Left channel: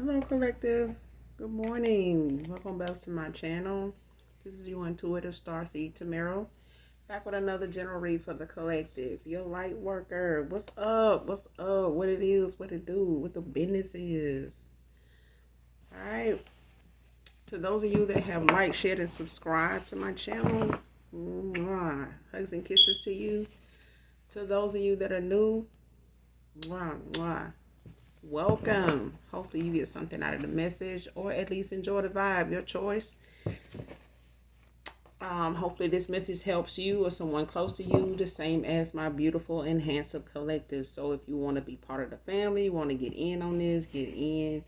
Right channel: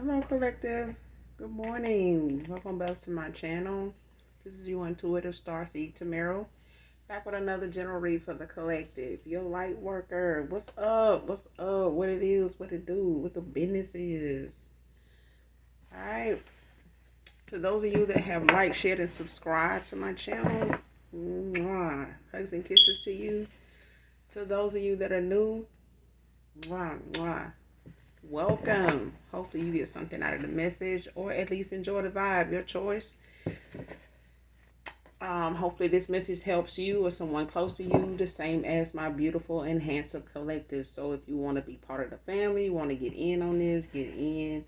Hello, collective. Good morning. Welcome back to my channel. This is your intuitive starseed Tamero. Back with another general read for the collective. Your light worker. What's up? What's up? What it is? What it do? What the business is? All right. To those of you that have liked, shared, and subscribed to my channel, hugs and kisses to you. To those of you that are new, welcome. Hopefully you get something out of the message or at least enjoy the vibe. Your choice. Hopefully this message helps you or someone close to you, the same as my beautiful and handsome collective. So if you want to be part of the family, you want to get in on this, get in.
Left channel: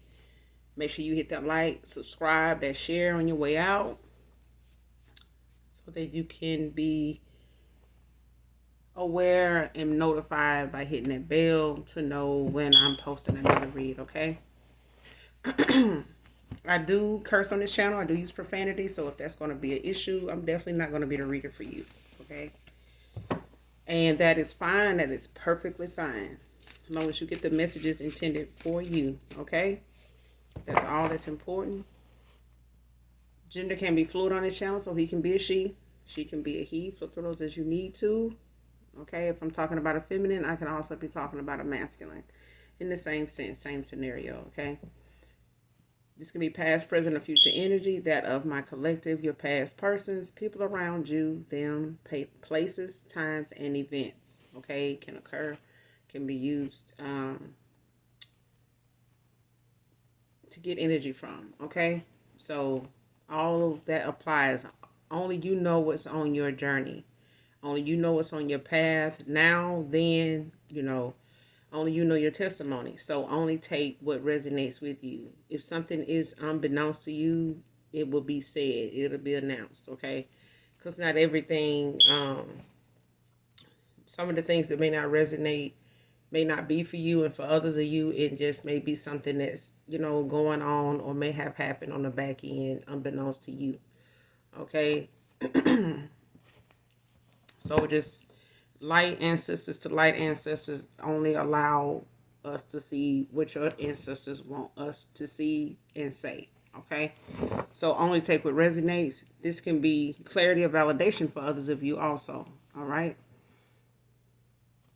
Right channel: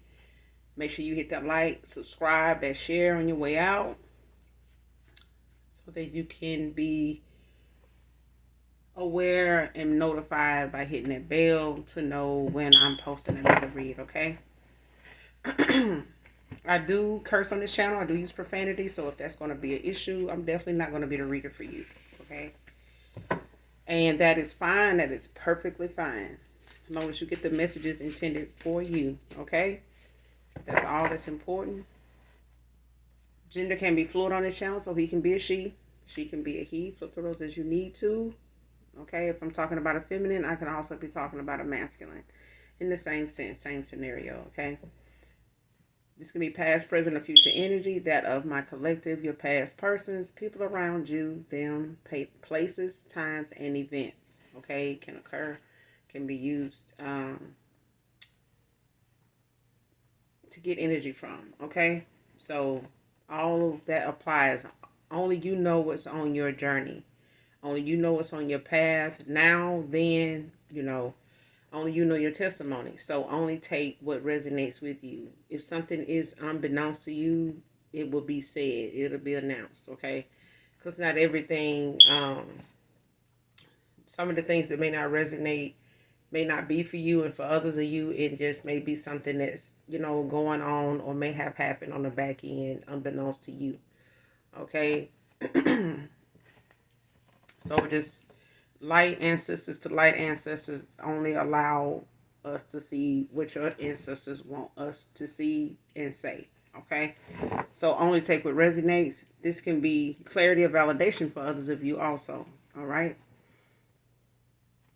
Make sure you hit that like, subscribe, that share on your way out so that you can be aware and notified by hitting that bell to know when I'm posting another read, okay? I do curse on this channel. I do use profanity. So if that's going to be an issue, I'm definitely not going to be the reader for you, okay? And that is fine. That is perfectly fine. As long as you get the messages intended for you, okay? That's all that's important. Gender can be fluid on this channel, so he can be a she. She can be a he. Flip those as you need to. Okay, if I'm talking about a feminine, I can also be talking about a masculine. In the same sense, same scenario, okay? This can be past, present, or future energy, that of my collective, your past persons, people around you, them, places, times, and events. Okay, can occur, can be used to get energy from. Okay, so all of that applies. Only you know what's on your journey. Only you know what's on your path now, then, only you know your testimony. So only take what resonates with you. If something is unbeknownst to you, it will be said. It'll be announced, okay? Because not everything, some of the things that may not resonate may not be for you, and for others of you, it just may be something that's, going on or may have happened on the back end unbeknownst to you, okay? So just light ancestors to light ancestors only allow us to see what your ancestors want us to see and say. Okay, so only take what resonates. This can be clarity or validation for others of you also. All right,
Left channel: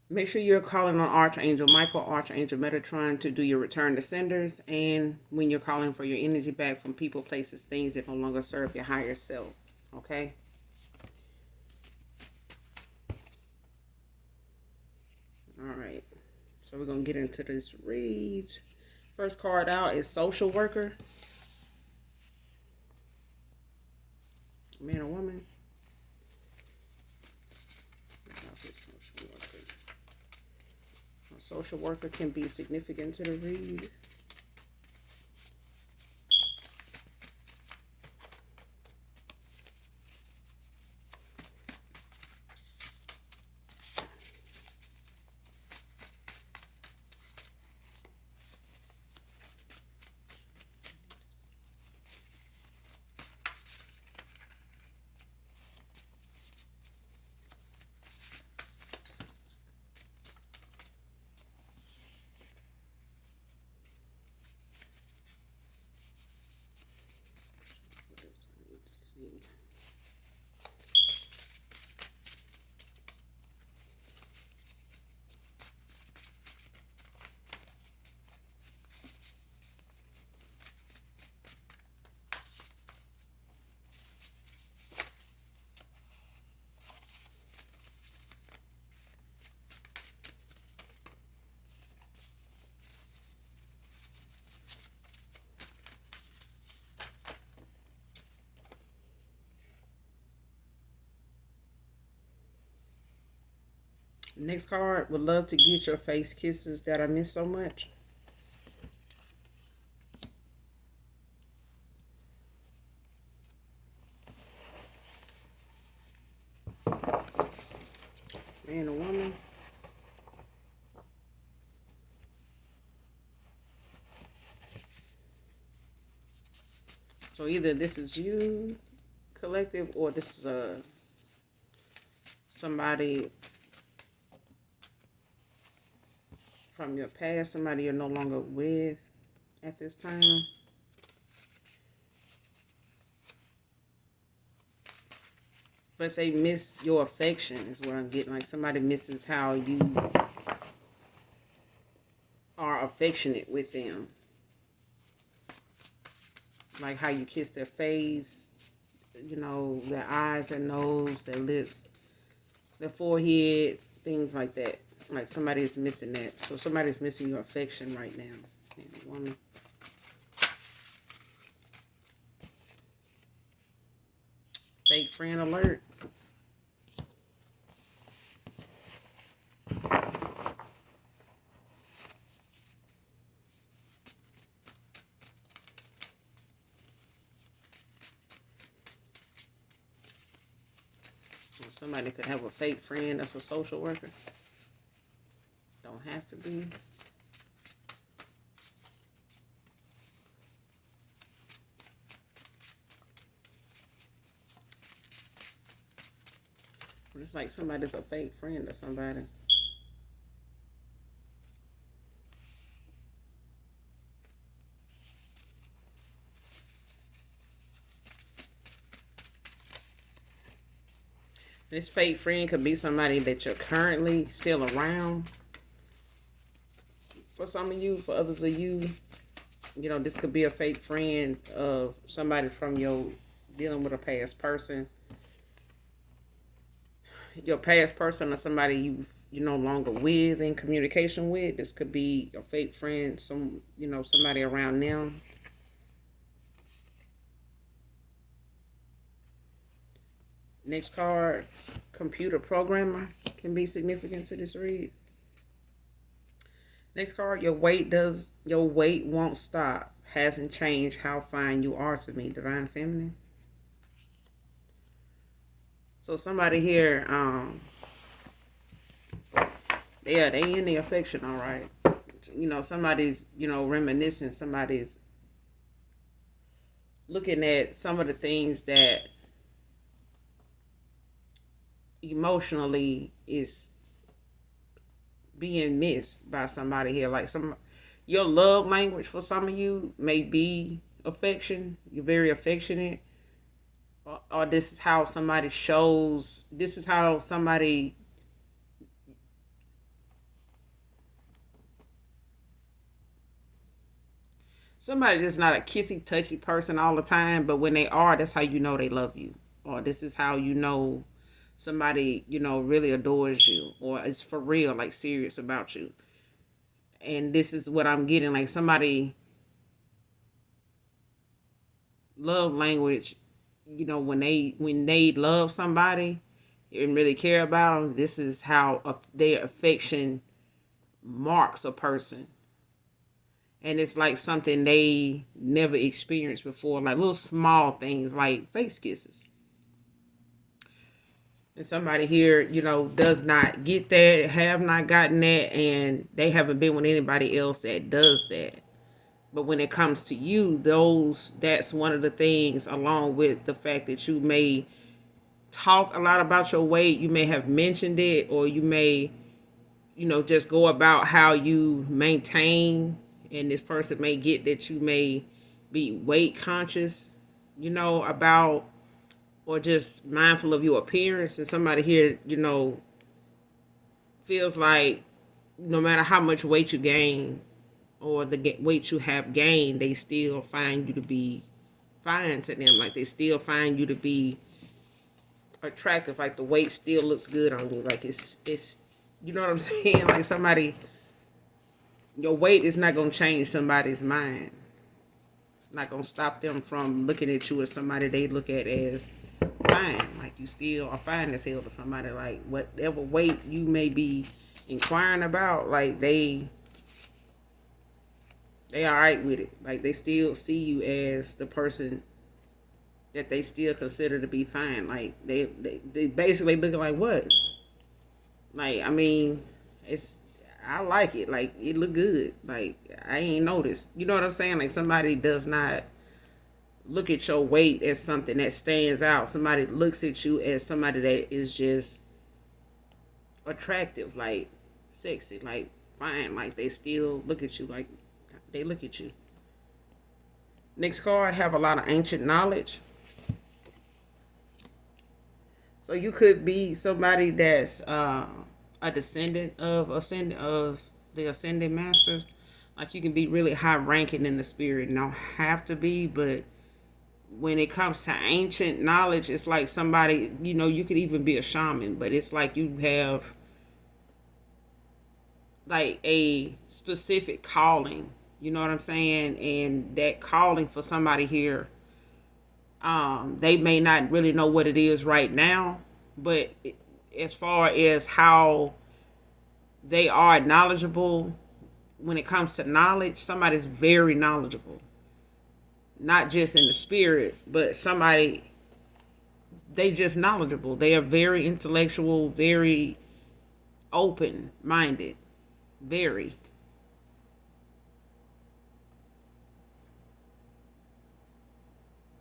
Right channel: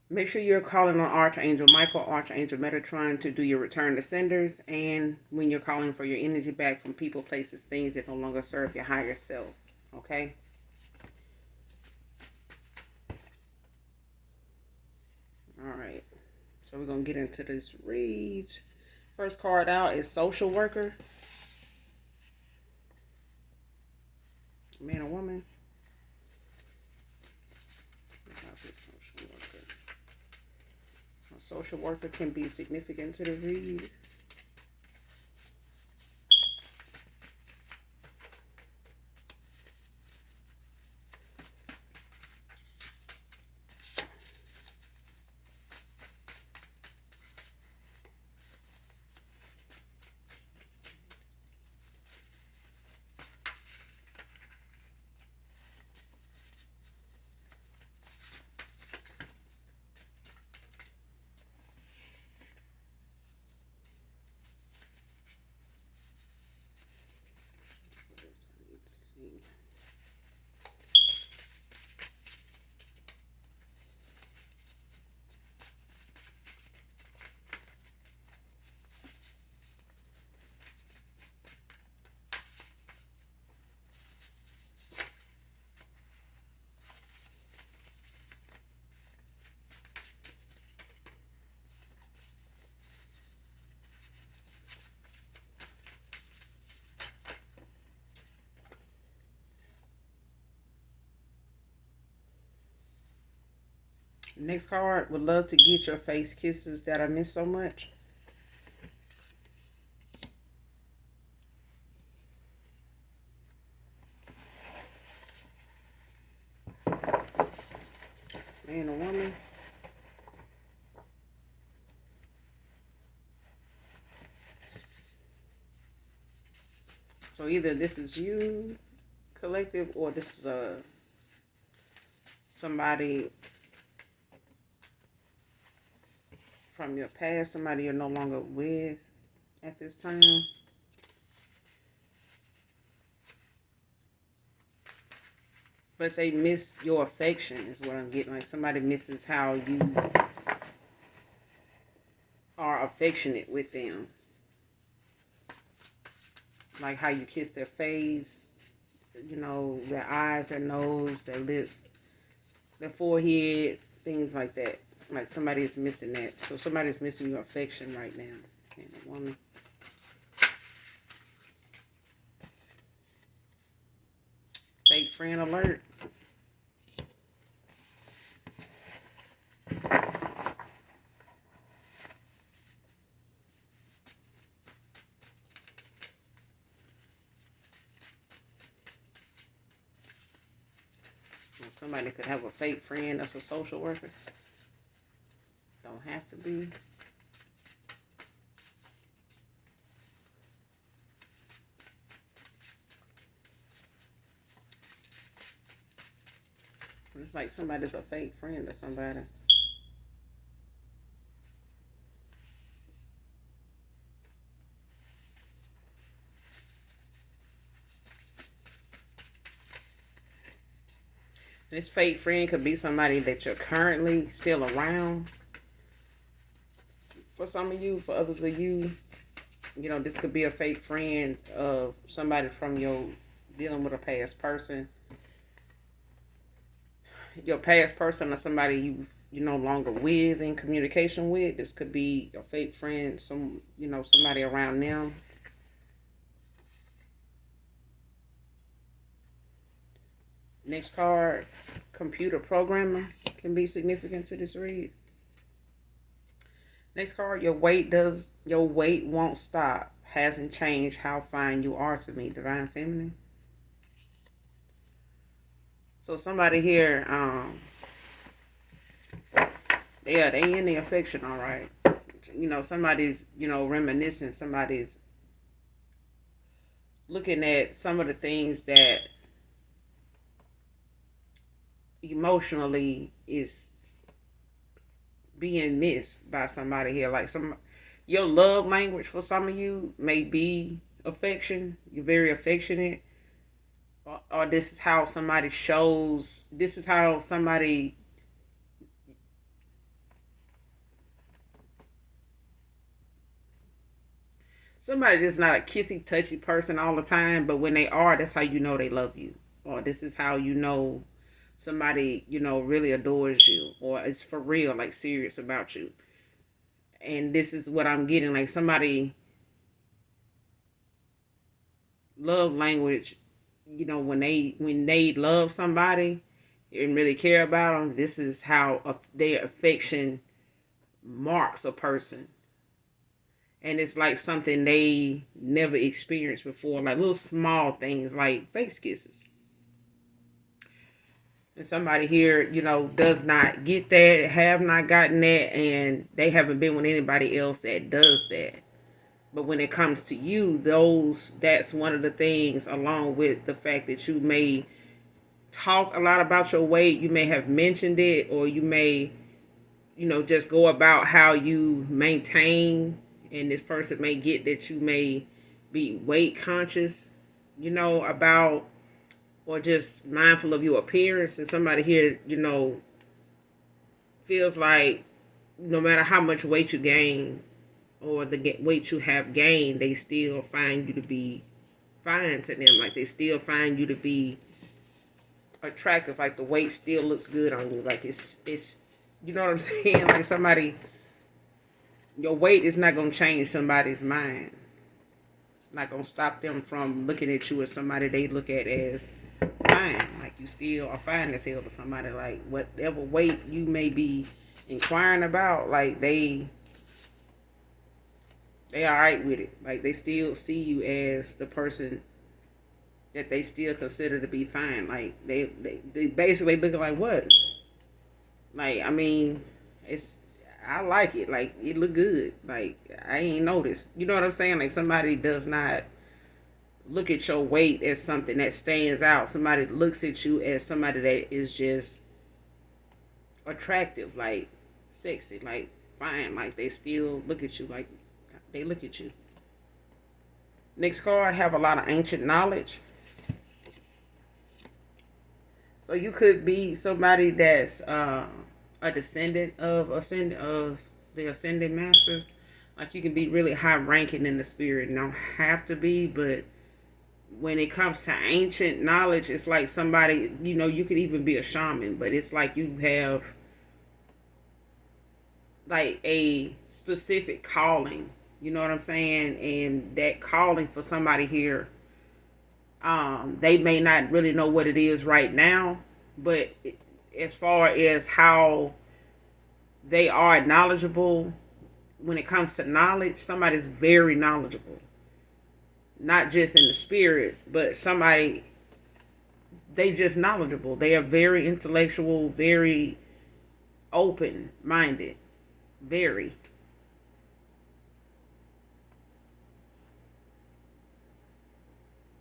make sure you're calling on Archangel Michael, Archangel Metatron to do your return to senders, and when you're calling for your energy back from people, places, things that no longer serve your higher self. Okay. All right. So we're going to get into this read. First card out is social worker. Man or woman. A social worker can be significant to the read. Next card, would love to get your face kisses that I miss so much. Man or woman. So either this is you, collective, or this is somebody from your past, somebody you're no longer with, at this time. But they miss your affection is what I'm getting. Like somebody misses how you are affectionate with them. Like how you kiss their face, you know, their eyes, their nose, their lips, their forehead, things like that. Like somebody is missing that. So somebody's missing your affection right now. One fake friend alert. Somebody could have a fake friend that's a social worker. Don't have to be. It's like somebody's a fake friend or somebody. This fake friend could be somebody that you're currently still around. For some of you, for others of you, you know, this could be a fake friend of somebody from your dealing with a past person. Your past person or somebody you're no longer with in communication with. This could be a fake friend, somebody around them. Next card, computer programmer can be significant to this read. Next card, your weight won't stop. Hasn't changed how fine you are to me, Divine Feminine. So somebody here, yeah, they in the affection, all right. You know, somebody's, reminiscing. Somebody's looking at some of the things that emotionally is being missed by somebody here. Like your love language for some of you may be affection. You're very affectionate. Or this is how somebody shows, this is how somebody's just not a kissy touchy person all the time, but when they are, that's how you know they love you. Or this is how you know somebody, really adores you or is for real, like serious about you. And this is what I'm getting, like somebody love language, when they love somebody and really care about them, this is how their affection marks a person. And it's like something they never experienced before, like little small things like face kisses. And somebody here, does not get that, have not gotten that, and they haven't been with anybody else that does that. But when it comes to you, that's one of the things, along with the fact that you may talk a lot about your weight, you may have mentioned it, or you may, just go about how you maintain, and this person may get that you may be weight conscious, about, or just mindful of your appearance. And somebody here, feels like no matter how much weight you gain or the weight you have gained, they still find you to be fine to them. Like they still find you to be attractive. Like the weight still looks good on you. Like it's you know what I'm saying? Like your weight is not gonna change somebody's mind. It's not gonna stop them from looking at you as somebody they look at as fine. Like you still are fine as hell to somebody. Like whatever weight you may be inquiring about, like they all right with it. Like they still see you as the person that they still consider to be fine. Like they basically looking like what? Like I mean, I like it. Like it look good. Like I ain't noticed. You know what I'm saying? Like somebody does not look at your weight as something that stands out. Somebody looks at you as somebody that is just attractive, like sexy, like fine. Like they still look at you like they look at you. Next card, have a lot of ancient knowledge. So you could be somebody that's a descendant of the ascended masters. Like you can be really high ranking in the spirit. You don't have to be, but when it comes to ancient knowledge, it's like somebody, you could even be a shaman, but it's like you have like a specific calling. You know what I'm saying? And that calling for somebody here, they may not really know what it is right now, but as far as how they are knowledgeable when it comes to knowledge, somebody's very knowledgeable, not just in the spirit, but somebody, they just knowledgeable. They are very intellectual, very open minded, very.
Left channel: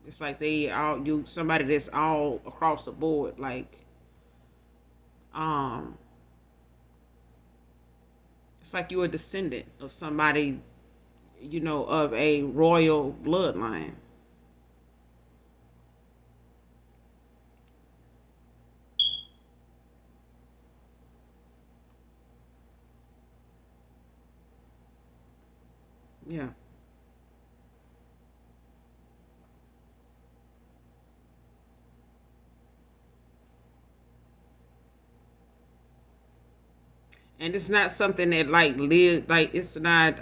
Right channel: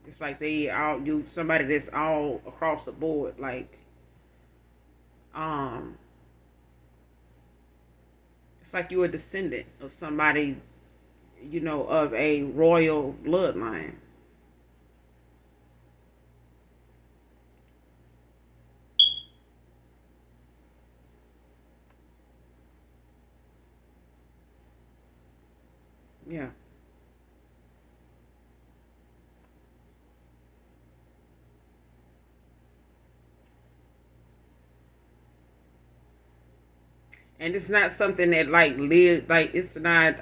It's like they all you somebody that's all across the board, like um it's like you're a descendant of somebody, of a royal bloodline. Yeah. And it's not something that like live like it's not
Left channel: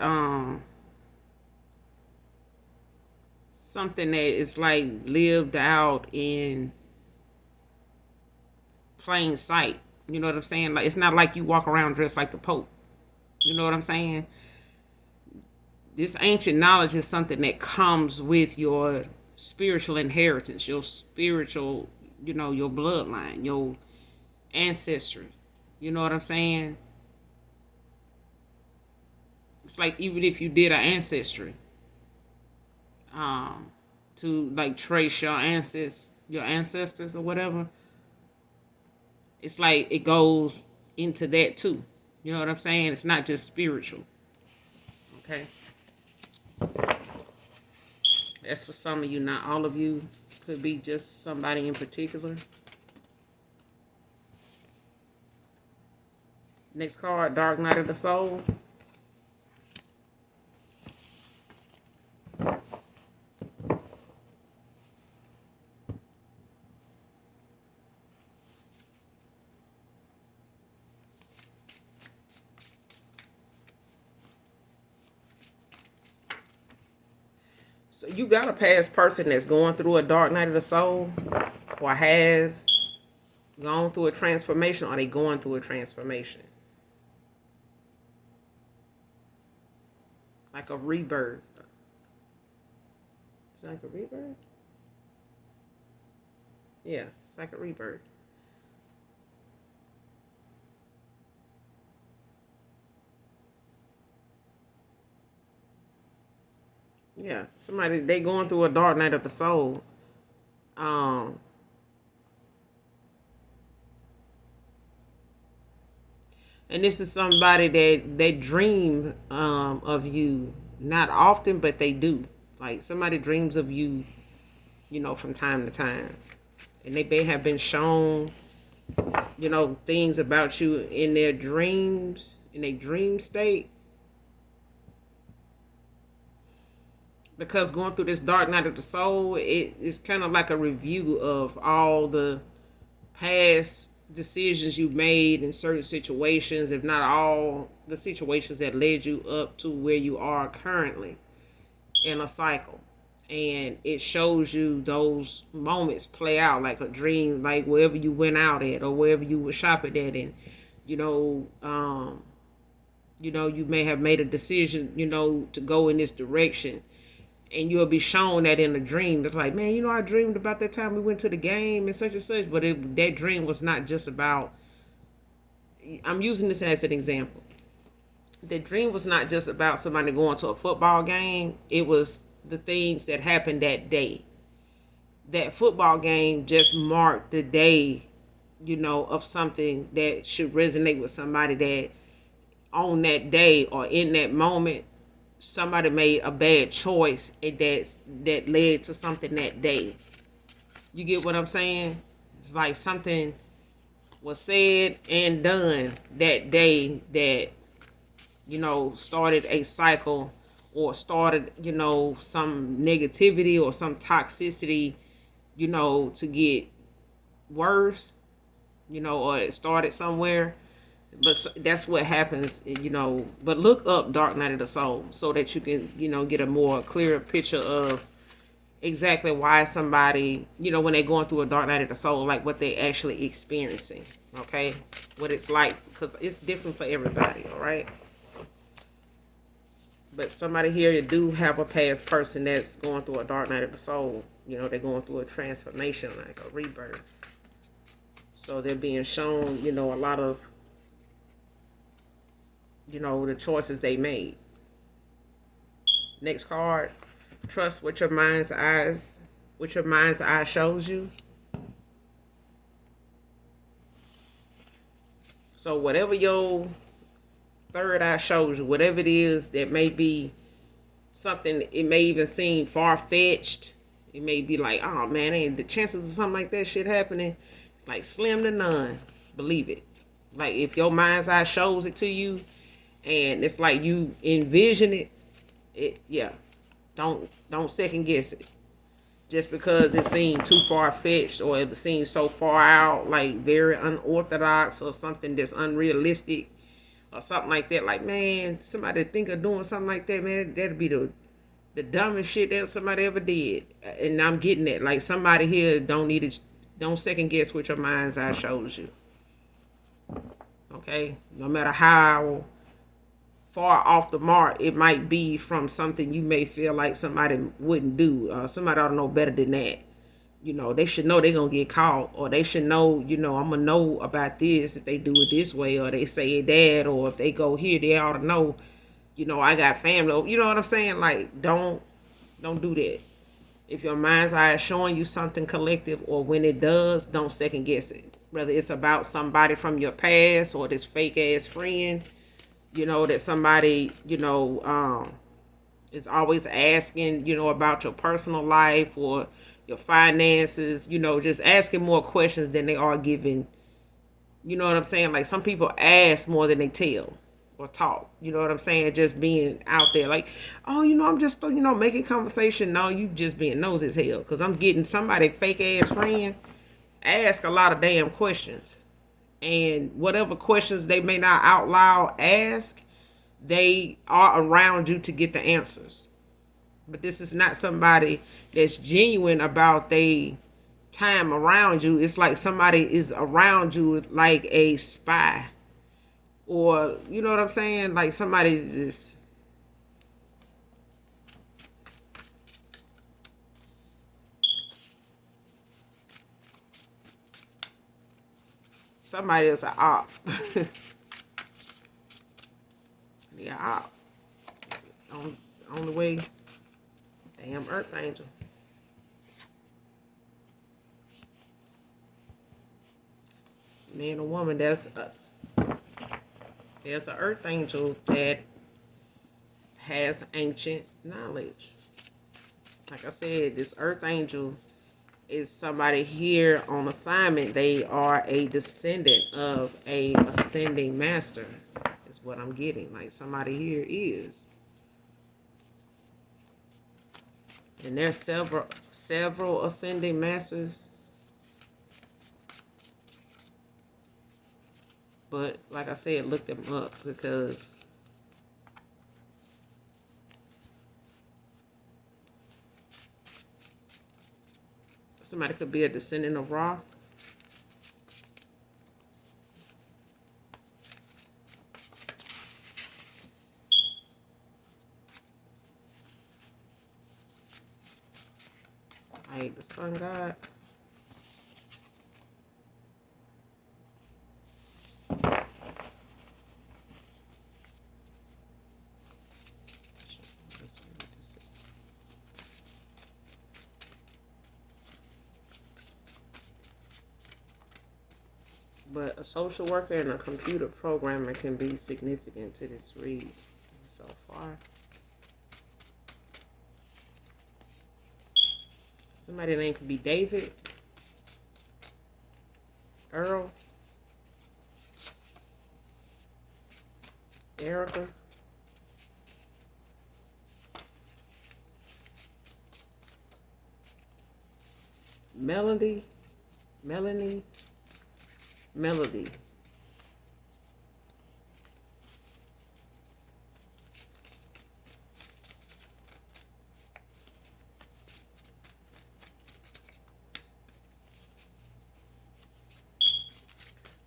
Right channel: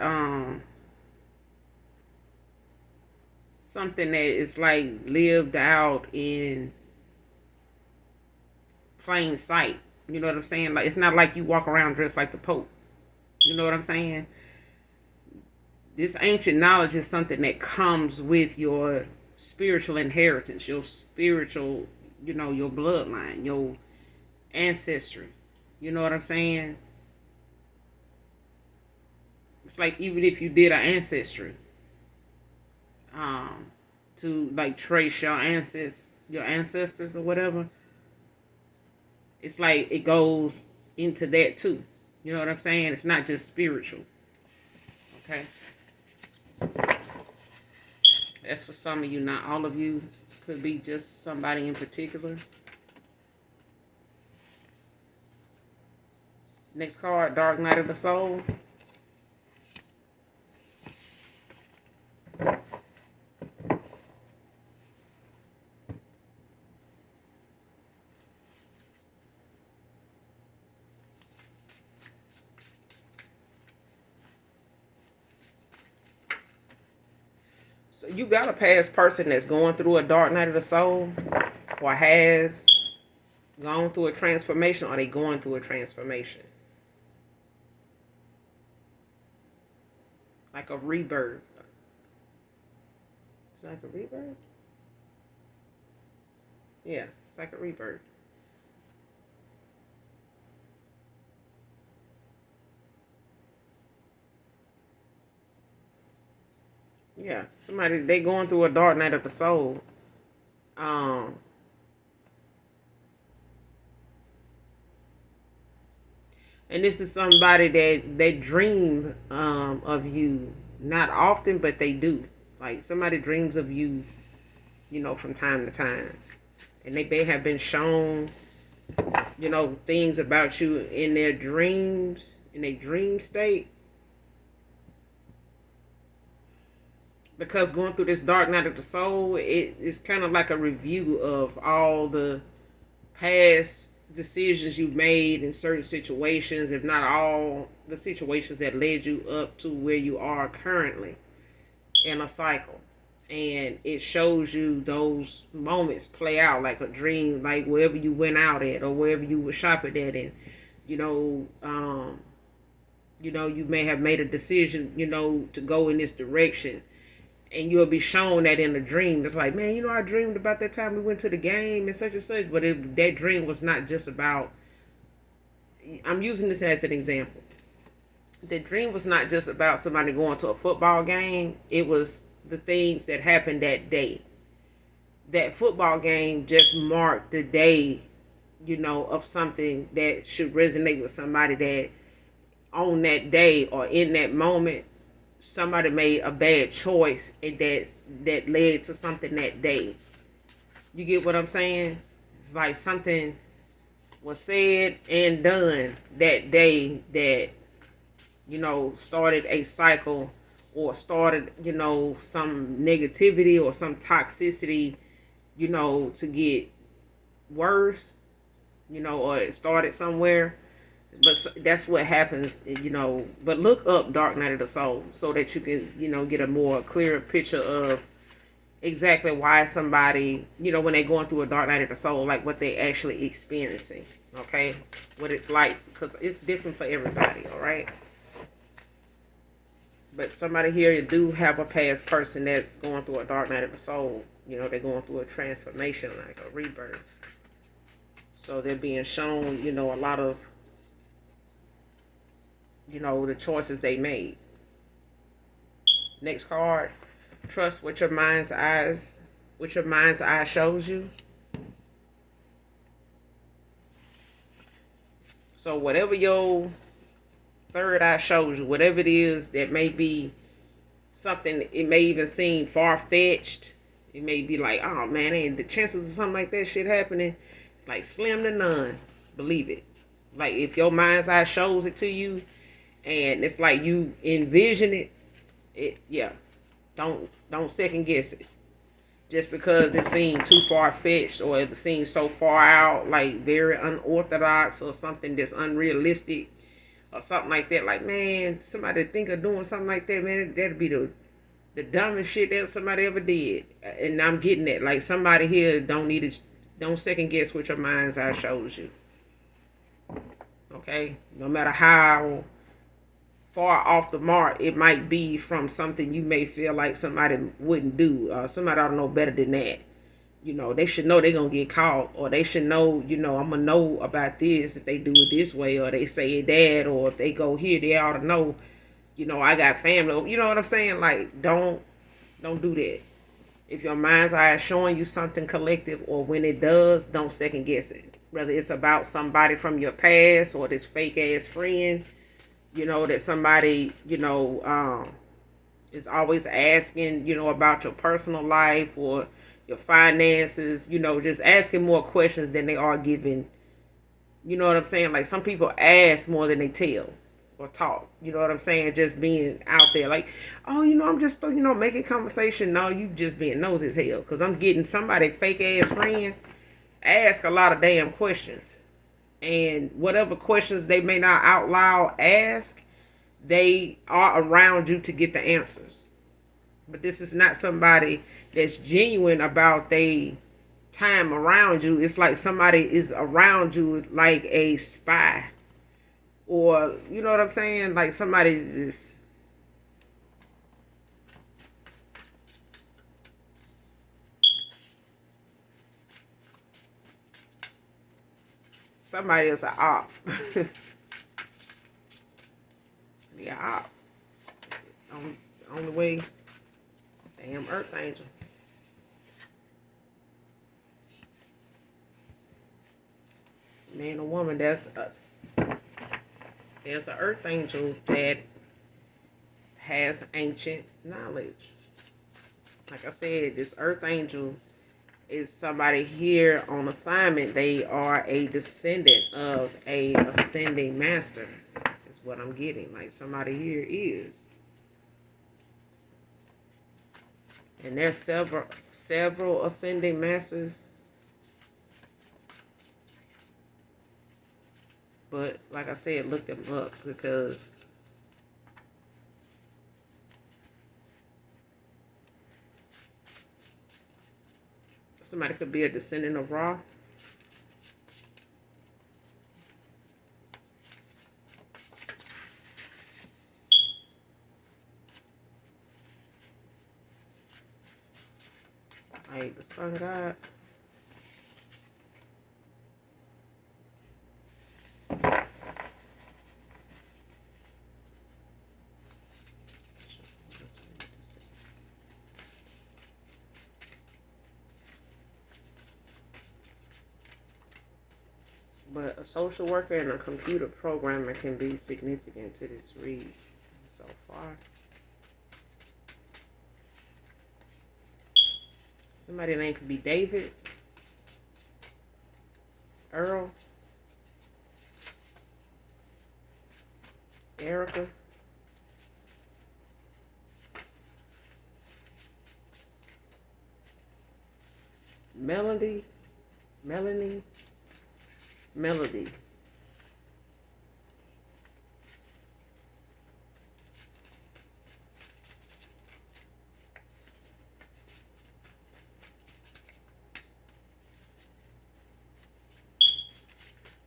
something that is like lived out in plain sight. You know what I'm saying? Like it's not like you walk around dressed like the Pope. You know what I'm saying? This ancient knowledge is something that comes with your spiritual inheritance, your spiritual, your bloodline, your ancestry. You know what I'm saying? It's like even if you did an ancestry, um, to like trace your ancestors or whatever, it's like it goes into that too. You know what I'm saying? It's not just spiritual. Okay, that's for some of you, not all of you. Could be just somebody in particular. Next card, Dark Night of the Soul. So you got a past person that's going through a dark night of the soul, or has gone through a transformation, or they going through a transformation, like a rebirth. It's like a rebirth. Yeah, it's like a rebirth. Yeah, somebody they going through a dark night of the soul. Um, and this is somebody that they dream of you, not often, but they do. Like somebody dreams of you, from time to time, and they may have been shown, things about you in their dreams, in a dream state. Because going through this dark night of the soul, it's kind of like a review of all the past decisions you've made in certain situations, if not all the situations that led you up to where you are currently in a cycle. And it shows you those moments play out like a dream, like wherever you went out at or wherever you were shopping at, and you know, um, you may have made a decision, to go in this direction, and you'll be shown that in a dream. It's like, man, I dreamed about that time we went to the game and such, but that dream was not just about. I'm using this as an example. The dream was not just about somebody going to a football game. It was the things that happened that day. That football game just marked the day, of something that should resonate with somebody that on that day or in that moment somebody made a bad choice and that led to something that day. You get what I'm saying? It's like something was said and done that day that, started a cycle or started, some negativity or some toxicity, to get worse, or it started somewhere. But that's what happens, But look up Dark Night of the Soul so that you can, get a more clearer picture of exactly why somebody, when they're going through a dark night of the soul, like what they actually experiencing, okay? What it's like, because it's different for everybody, all right? But somebody here do have a past person that's going through a dark night of the soul. They're going through a transformation, like a rebirth. So they're being shown, a lot of, the choices they made. Next card. Trust what your mind's eye shows you. So whatever your third eye shows you, whatever it is that may be something, it may even seem far-fetched. It may be like, oh man, ain't the chances of something like that shit happening like slim to none. Believe it. Like if your mind's eye shows it to you and it's like you envision yeah. Don't second guess it. Just because it seemed too far-fetched or it seems so far out, like very unorthodox or something that's unrealistic or something like that. Like, man, somebody think of doing something like that, man, that'd be the dumbest shit that somebody ever did. And I'm getting it. Like, somebody here don't second guess what your mind's eye shows you. Okay? No matter how far off the mark it might be from something you may feel like somebody wouldn't do. Somebody ought to know better than that. They should know they're going to get caught, or they should know, I'm going to know about this if they do it this way, or they say that, or if they go here, they ought to know, I got family. You know what I'm saying? Like, don't do that. If your mind's eye is showing you something collective, or when it does, don't second guess it. Whether it's about somebody from your past or this fake ass friend, that somebody, is always asking, about your personal life or your finances, just asking more questions than they are giving. You know what I'm saying? Like some people ask more than they tell or talk. You know what I'm saying? Just being out there like, oh, I'm just, making conversation. No, you just being nosy as hell. Because I'm getting somebody fake ass friend ask a lot of damn questions. And whatever questions they may not out loud ask, they are around you to get the answers. But this is not somebody that's genuine about their time around you. It's like somebody is around you like a spy. Or, you know what I'm saying? Like somebody's just... Somebody is an op. Yeah, op. On the way. Damn Earth Angel. Man or woman, there's an Earth Angel that has ancient knowledge. Like I said, this Earth Angel is somebody here on assignment. They are a descendant of a ascending master. Is what I'm getting. Like somebody here is. And there's several ascending masters. But like I said, look them up because somebody could be a descendant of Ra. Like the sun god. But a social worker and a computer programmer can be significant to this read so far. Somebody's name could be David, Earl, Erica. Melody, Melanie, Melody.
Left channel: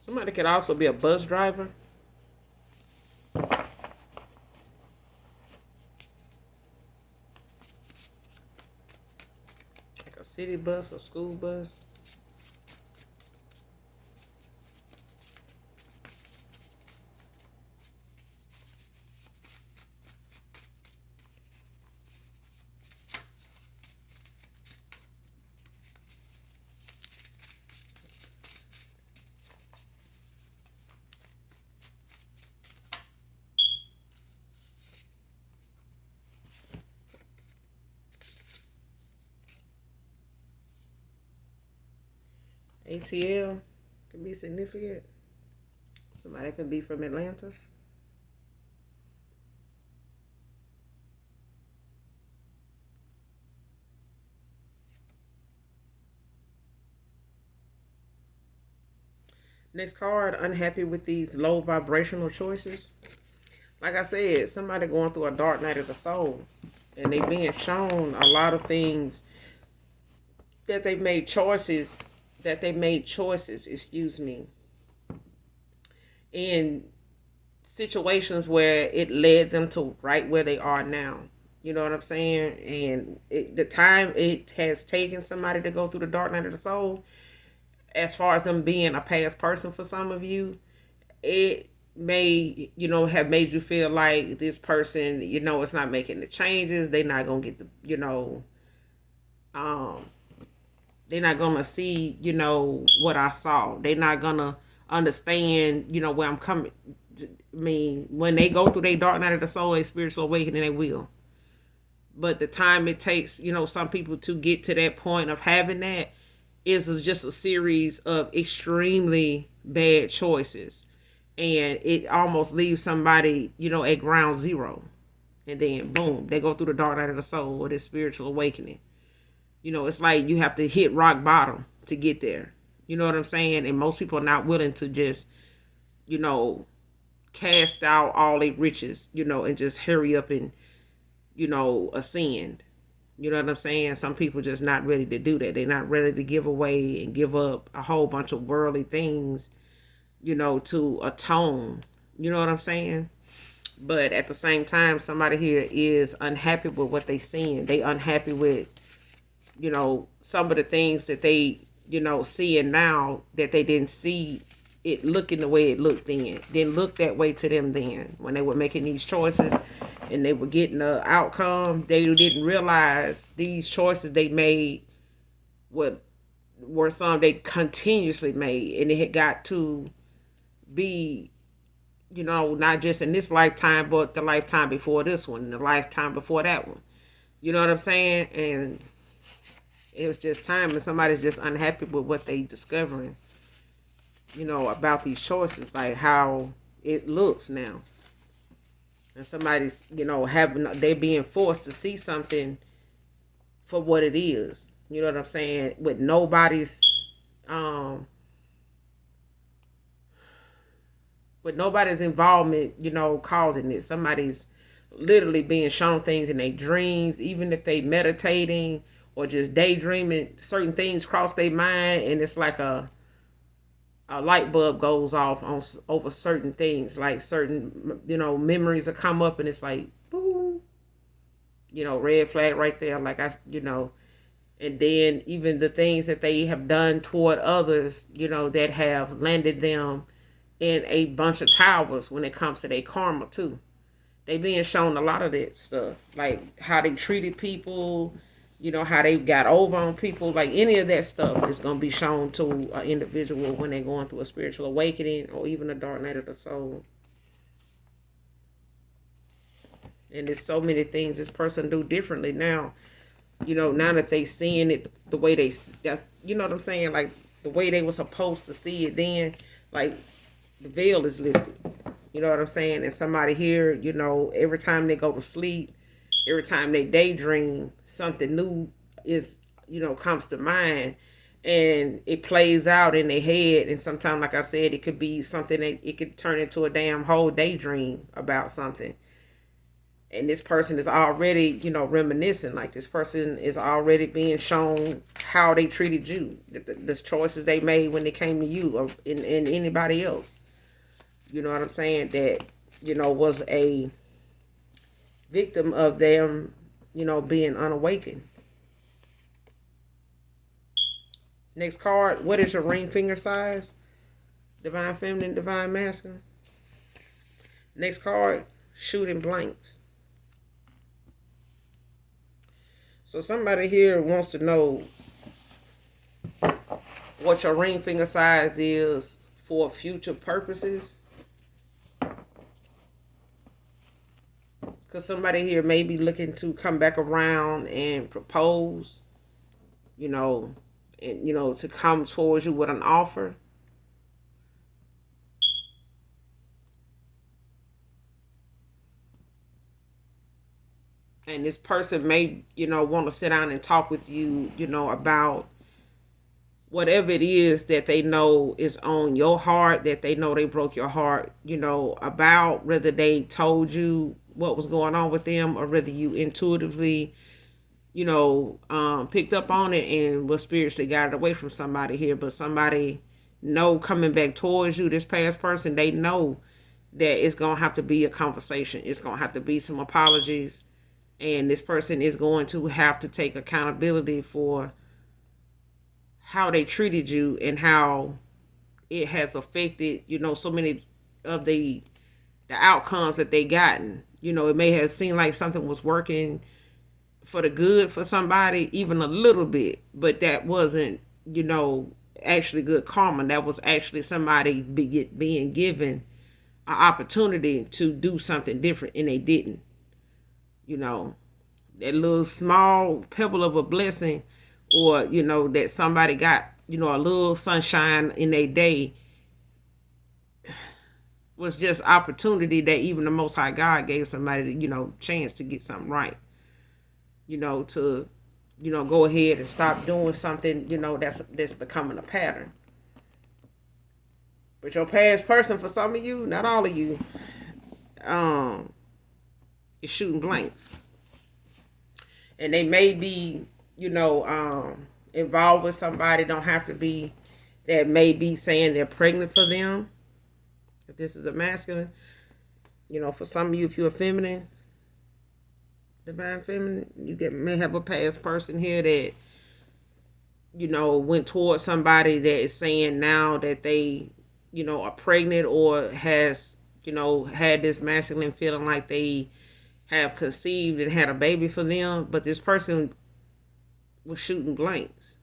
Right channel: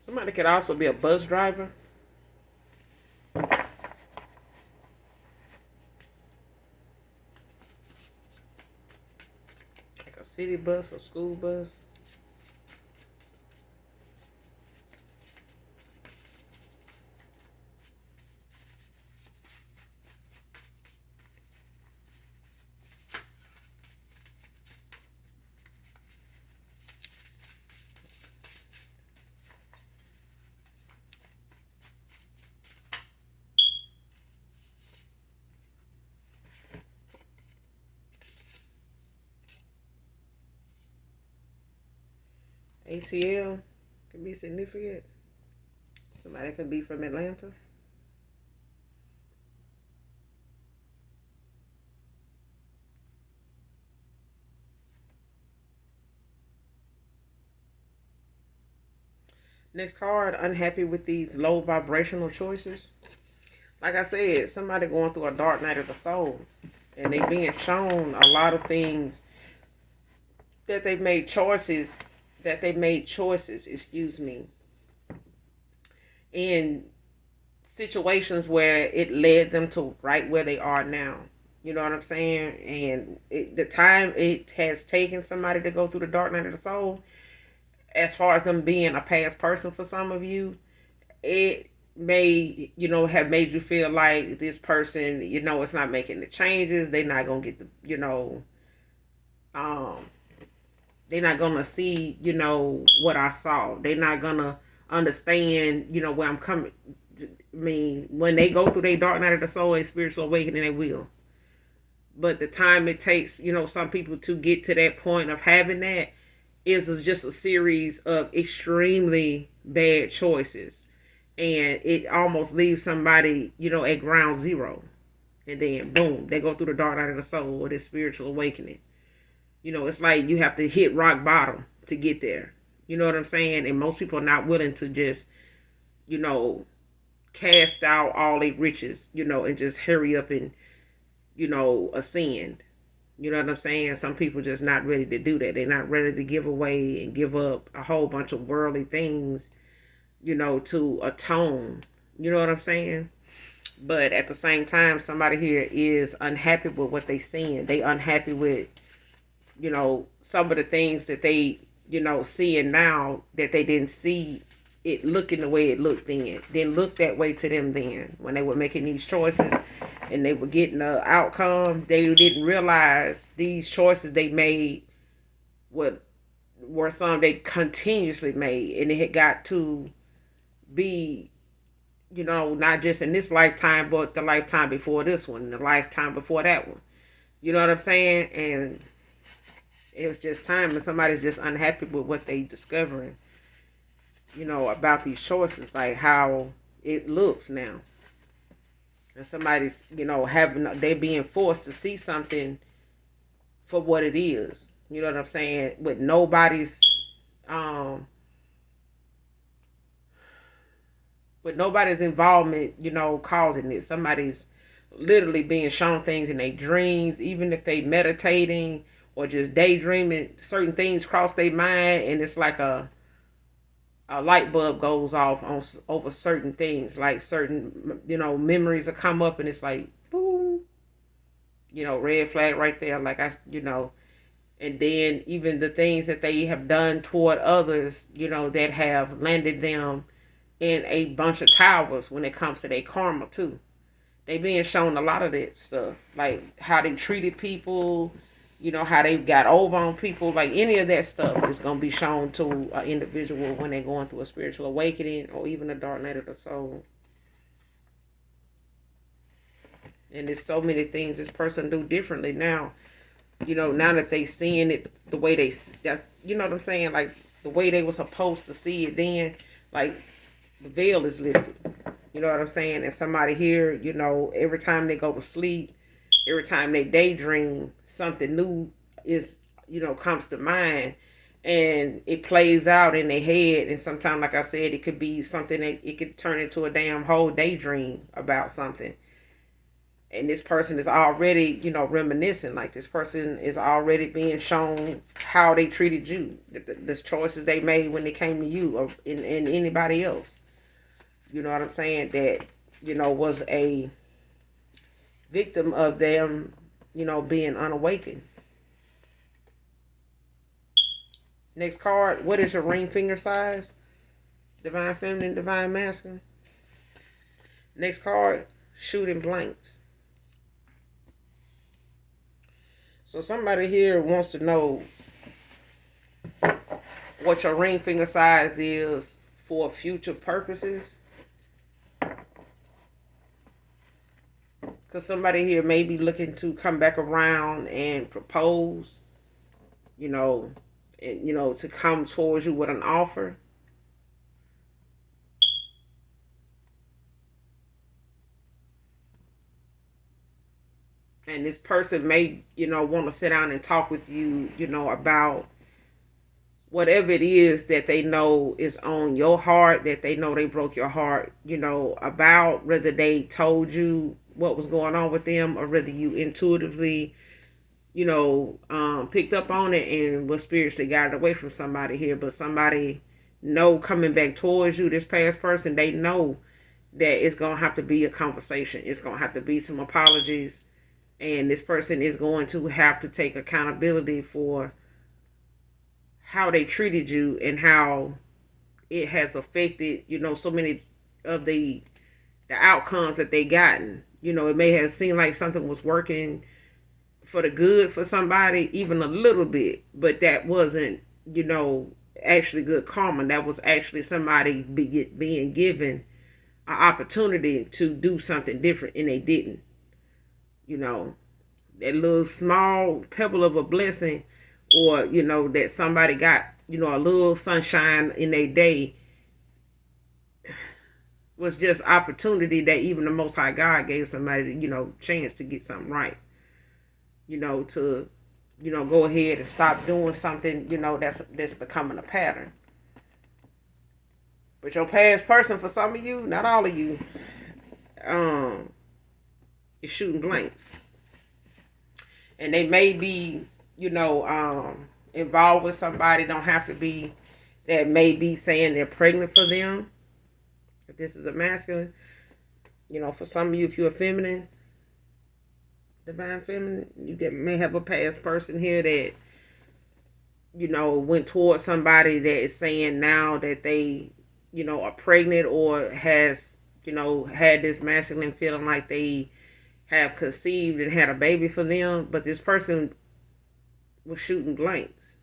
Somebody could also be a bus driver. Like a city bus or school bus. ATL could be significant. Somebody could be from Atlanta. Next card, unhappy with these low vibrational choices. Like I said, somebody going through a dark night of the soul. And they being shown a lot of things that they've made choices, excuse me, in situations where it led them to right where they are now. You know what I'm saying? And the time it has taken somebody to go through the dark night of the soul, as far as them being a past person for some of you, it may, have made you feel like this person, it's not making the changes. They're not going to get um, they're not going to see, what I saw. They're not going to understand, where I'm coming. I mean, when they go through their dark night of the soul, a spiritual awakening, they will. But the time it takes, some people to get to that point of having that is just a series of extremely bad choices. And it almost leaves somebody, at ground zero. And then, boom, they go through the dark night of the soul or this spiritual awakening. It's like you have to hit rock bottom to get there. You know what I'm saying? And most people are not willing to just, cast out all their riches, and just hurry up and, ascend. You know what I'm saying? Some people just not ready to do that. They're not ready to give away and give up a whole bunch of worldly things, to atone. You know what I'm saying? But at the same time, somebody here is unhappy with what they seeing. They unhappy with, some of the things that they, seeing now that they didn't see it looking the way it looked then. Didn't look that way to them then when they were making these choices and they were getting the outcome. They didn't realize these choices they made were some they continuously made, and it had got to be, not just in this lifetime, but the lifetime before this one, the lifetime before that one. You know what I'm saying? And it was just time, and somebody's just unhappy with what they discovering, about these choices, like how it looks now. And somebody's, they're being forced to see something for what it is. You know what I'm saying? With nobody's, involvement, causing it. Somebody's literally being shown things in their dreams, even if they meditating or just daydreaming, certain things cross their mind, and it's like a light bulb goes off on over certain things, like certain memories will come up, and it's like boom, red flag right there, like and then even the things that they have done toward others, that have landed them in a bunch of towers when it comes to their karma too. They being shown a lot of that stuff, like how they treated people, how they got over on people, like any of that stuff is going to be shown to an individual when they're going through a spiritual awakening or even a dark night of the soul. And there's so many things this person do differently now. You know, now that they seeing it the way they, you know what I'm saying? Like the way they were supposed to see it then, like the veil is lifted. You know what I'm saying? And somebody here, you know, every time they go to sleep, every time they daydream, something new is, you know, comes to mind, and it plays out in their head. And sometimes, like I said, it could be something that it could turn into a damn whole daydream about something. And this person is already, you know, reminiscing. Like this person is already being shown how they treated you, the choices they made when they came to you, or in anybody else. You know what I'm saying? That, you know, was a victim of them, you know, being unawakened. Next card. What is your ring finger size? Divine feminine, divine masculine. Next card. Shooting blanks. So somebody here wants to know what your ring finger size is for future purposes. Because somebody here may be looking to come back around and propose, you know, and, you know, to come towards you with an offer. And this person may, you know, want to sit down and talk with you, you know, about whatever it is that they know is on your heart, that they know they broke your heart, you know, about, whether they told you what was going on with them or whether you intuitively, you know, picked up on it and was spiritually guided away from somebody here. But somebody know coming back towards you, this past person, they know that it's going to have to be a conversation. It's going to have to be some apologies. And this person is going to have to take accountability for how they treated you and how it has affected, you know, so many of the outcomes that they gotten. You know, it may have seemed like something was working for the good for somebody, even a little bit, but that wasn't, you know, actually good karma. That was actually somebody being given an opportunity to do something different, and they didn't. You know, that little small pebble of a blessing, or, you know, that somebody got, you know, a little sunshine in their day, was just opportunity that even the Most High God gave somebody, you know, chance to get something right. You know, to, you know, go ahead and stop doing something, you know, that's becoming a pattern. But your past person, for some of you, not all of you, is shooting blanks. And they may be, you know, involved with somebody, don't have to be, that may be saying they're pregnant for them. If this is a masculine, you know, for some of you, if you're a feminine, divine feminine, you may have a past person here that, you know, went towards somebody that is saying now that they, you know, are pregnant, or has, you know, had this masculine feeling like they have conceived and had a baby for them, but this person was shooting blanks.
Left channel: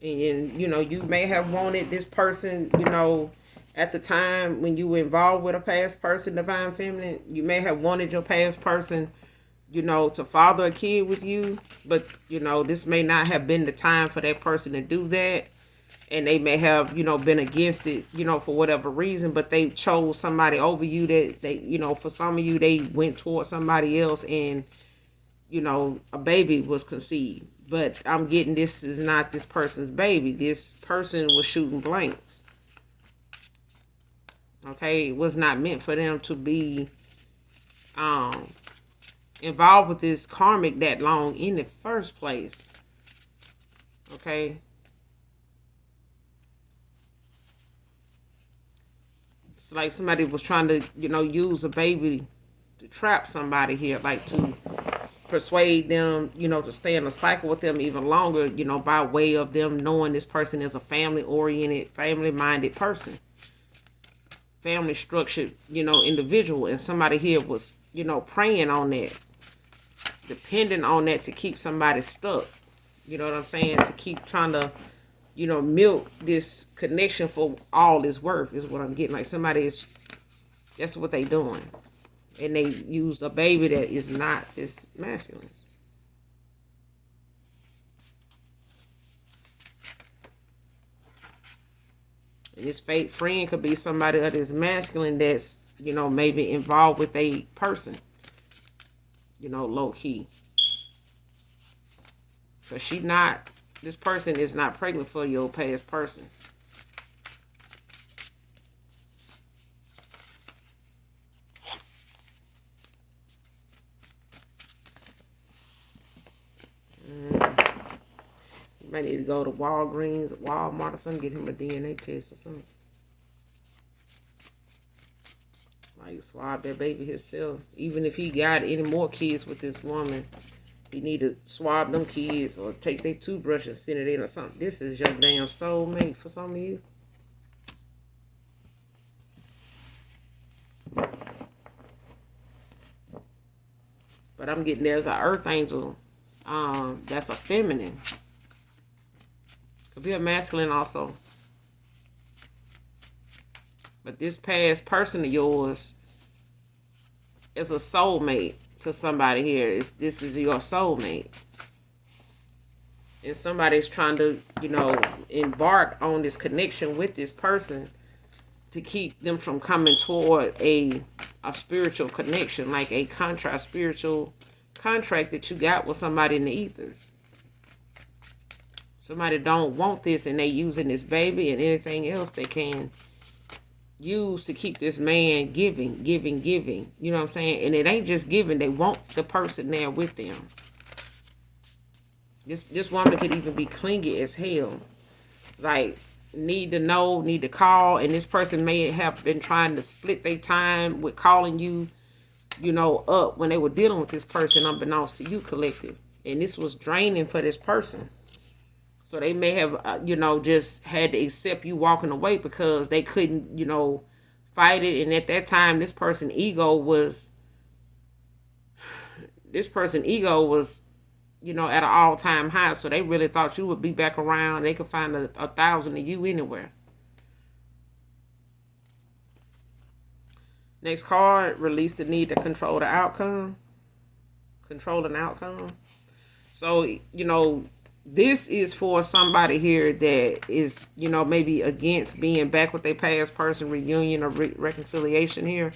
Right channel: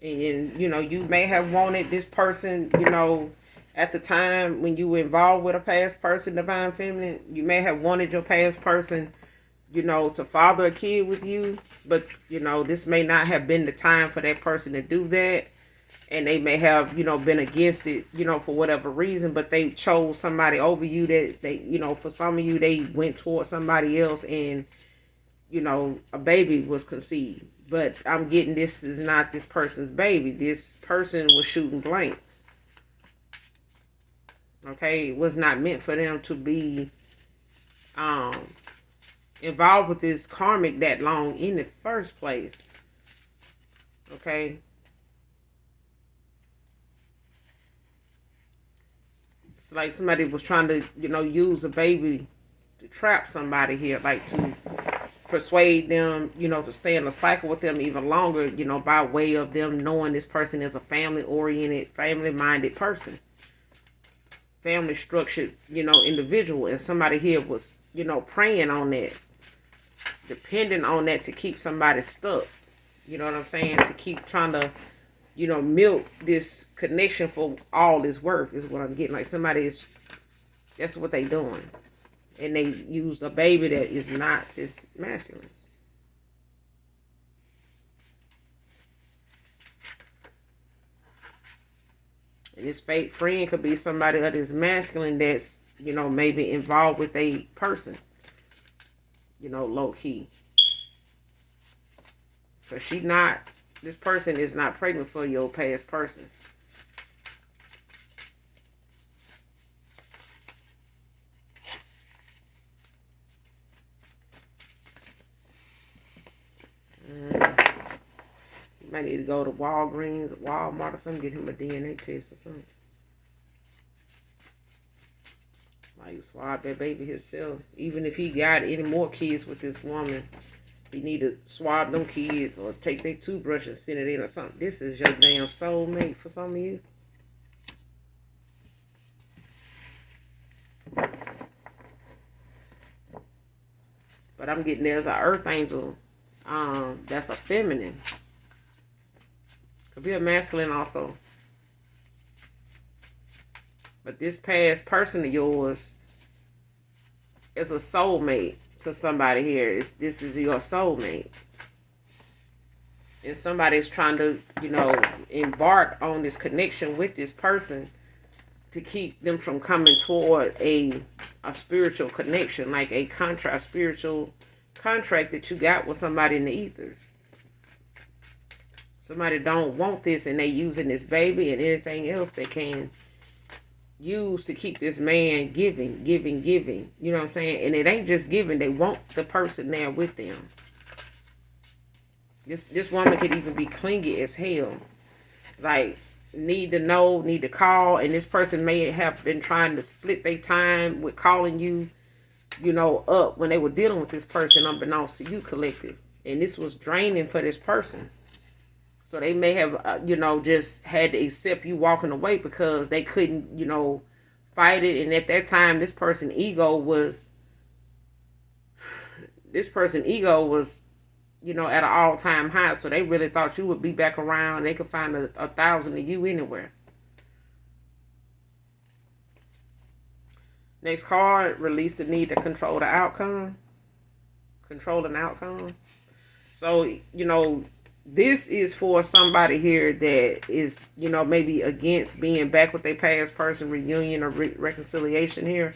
And, you know, you may have wanted this person, you know, at the time when you were involved with a past person, divine feminine, you may have wanted your past person, you know, to father a kid with you, but, you know, this may not have been the time for that person to do that. And they may have, you know, been against it, you know, for whatever reason, but they chose somebody over you, that they, you know, for some of you, they went towards somebody else, and, you know, a baby was conceived. But I'm getting, this is not this person's baby. This person was shooting blanks. Okay, it was not meant for them to be involved with this karmic that long in the first place. Okay. It's like somebody was trying to, you know, use a baby to trap somebody here, like to persuade them, you know, to stay in a cycle with them even longer, you know, by way of them knowing this person is a family-oriented, family-minded person. Family structured, you know, individual. And somebody here was, you know, preying on that, depending on that to keep somebody stuck. You know what I'm saying? To keep trying to, milk this connection for all it's worth is what I'm getting. Like somebody is, that's what they doing. And they use a baby that is not this masculine. And this fake friend could be somebody that is masculine that's, maybe involved with a person, low key. So this person is not pregnant for your past person. You might need to go to Walgreens or Walmart or something, get him a DNA test or something. Like swab that baby himself. Even if he got any more kids with this woman, he need to swab them kids or take their toothbrush and send it in or something. This is your damn soulmate for some of you. But I'm getting there's an earth angel. That's a feminine. Could be a masculine also. But this past person of yours is a soulmate to somebody here. This is your soulmate. And somebody's trying to, embark on this connection with this person to keep them from coming toward a spiritual connection, like a spiritual contract that you got with somebody in the ethers. Somebody don't want this and they using this baby and anything else they can use to keep this man giving. You know what I'm saying? And it ain't just giving. They want the person there with them. This woman could even be clingy as hell. Like, need to know, need to call. And this person may have been trying to split their time with calling you, up when they were dealing with this person unbeknownst to you, collective. And this was draining for this person. So they may have, just had to accept you walking away because they couldn't, fight it. And at that time, this person's ego was, at an all-time high. So they really thought you would be back around. They could find 1,000 of you anywhere. Next card, release the need to control the outcome. Control an outcome. So, this is for somebody here that is, maybe against being back with their past person, reunion or reconciliation here.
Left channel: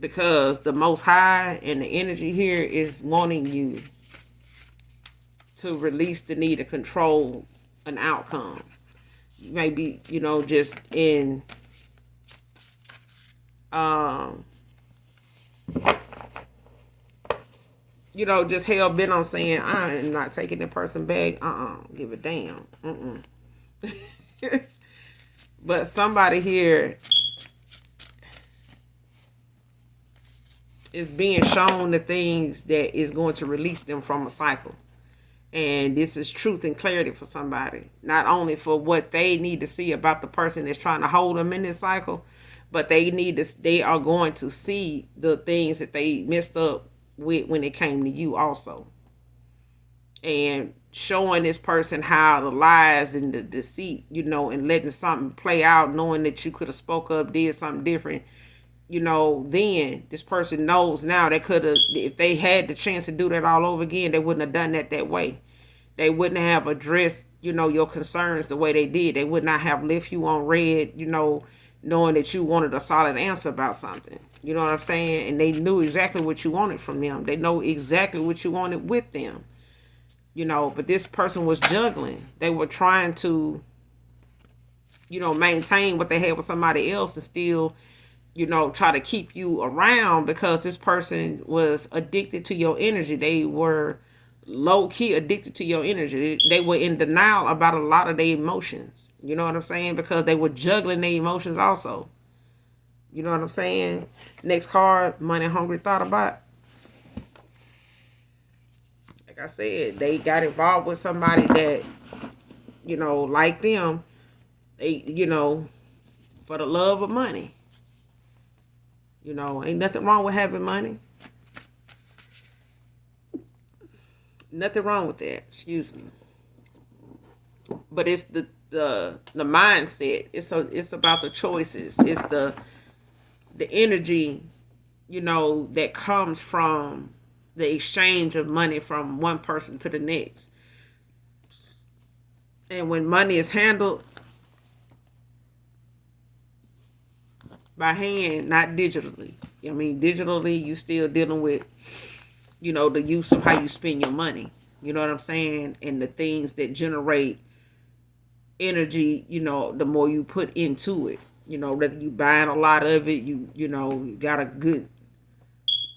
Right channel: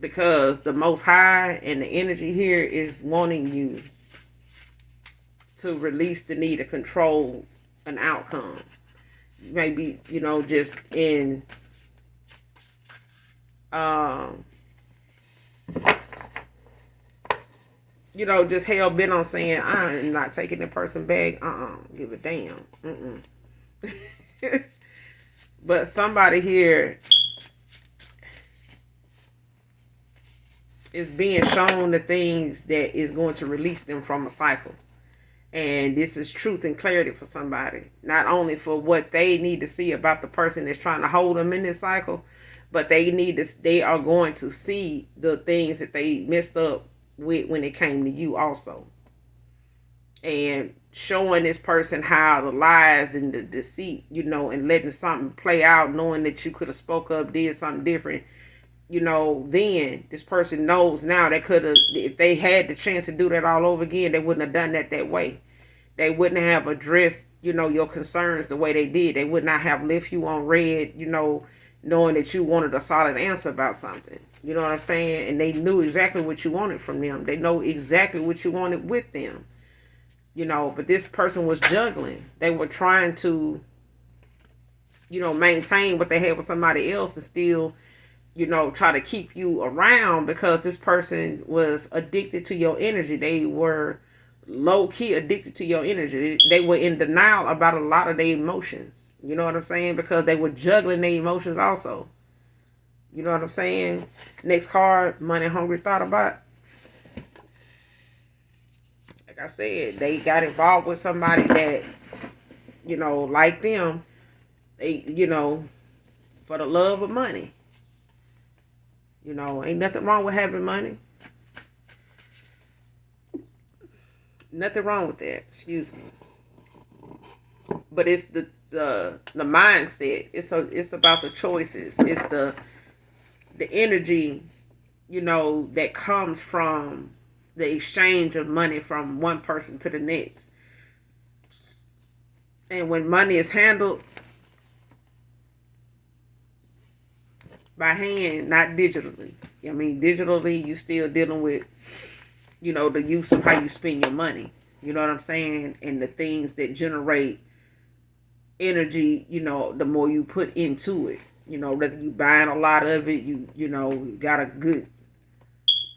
Because the Most High and the energy here is wanting you to release the need to control an outcome. Maybe, just in just hell bent on saying, I am not taking the person back. Give a damn. But somebody here is being shown the things that is going to release them from a cycle. And this is truth and clarity for somebody. Not only for what they need to see about the person that's trying to hold them in this cycle, but they are going to see the things that they messed up with when it came to you also. And showing this person how the lies and the deceit, and letting something play out, knowing that you could have spoke up, did something different, then this person knows now they could have, if they had the chance to do that all over again, they wouldn't have done that way. They wouldn't have addressed, your concerns the way they did. They would not have left you on red, knowing that you wanted a solid answer about something. You know what I'm saying? And they knew exactly what you wanted from them. They know exactly what you wanted with them. But this person was juggling. They were trying to, maintain what they had with somebody else and still, try to keep you around because this person was addicted to your energy. They were low-key addicted to your energy. They were in denial about a lot of their emotions. You know what I'm saying? Because they were juggling their emotions also. You know what I'm saying? Next card, money hungry thought about. Like I said, they got involved with somebody that, like them, they, for the love of money. Ain't nothing wrong with having money. Nothing wrong with that. Excuse me. But it's the mindset. It's about the choices. It's the energy, that comes from the exchange of money from one person to the next. And when money is handled by hand, not digitally. I mean, digitally, you still dealing with, the use of how you spend your money. You know what I'm saying? And the things that generate energy, the more you put into it. Whether you buying a lot of it, you got a good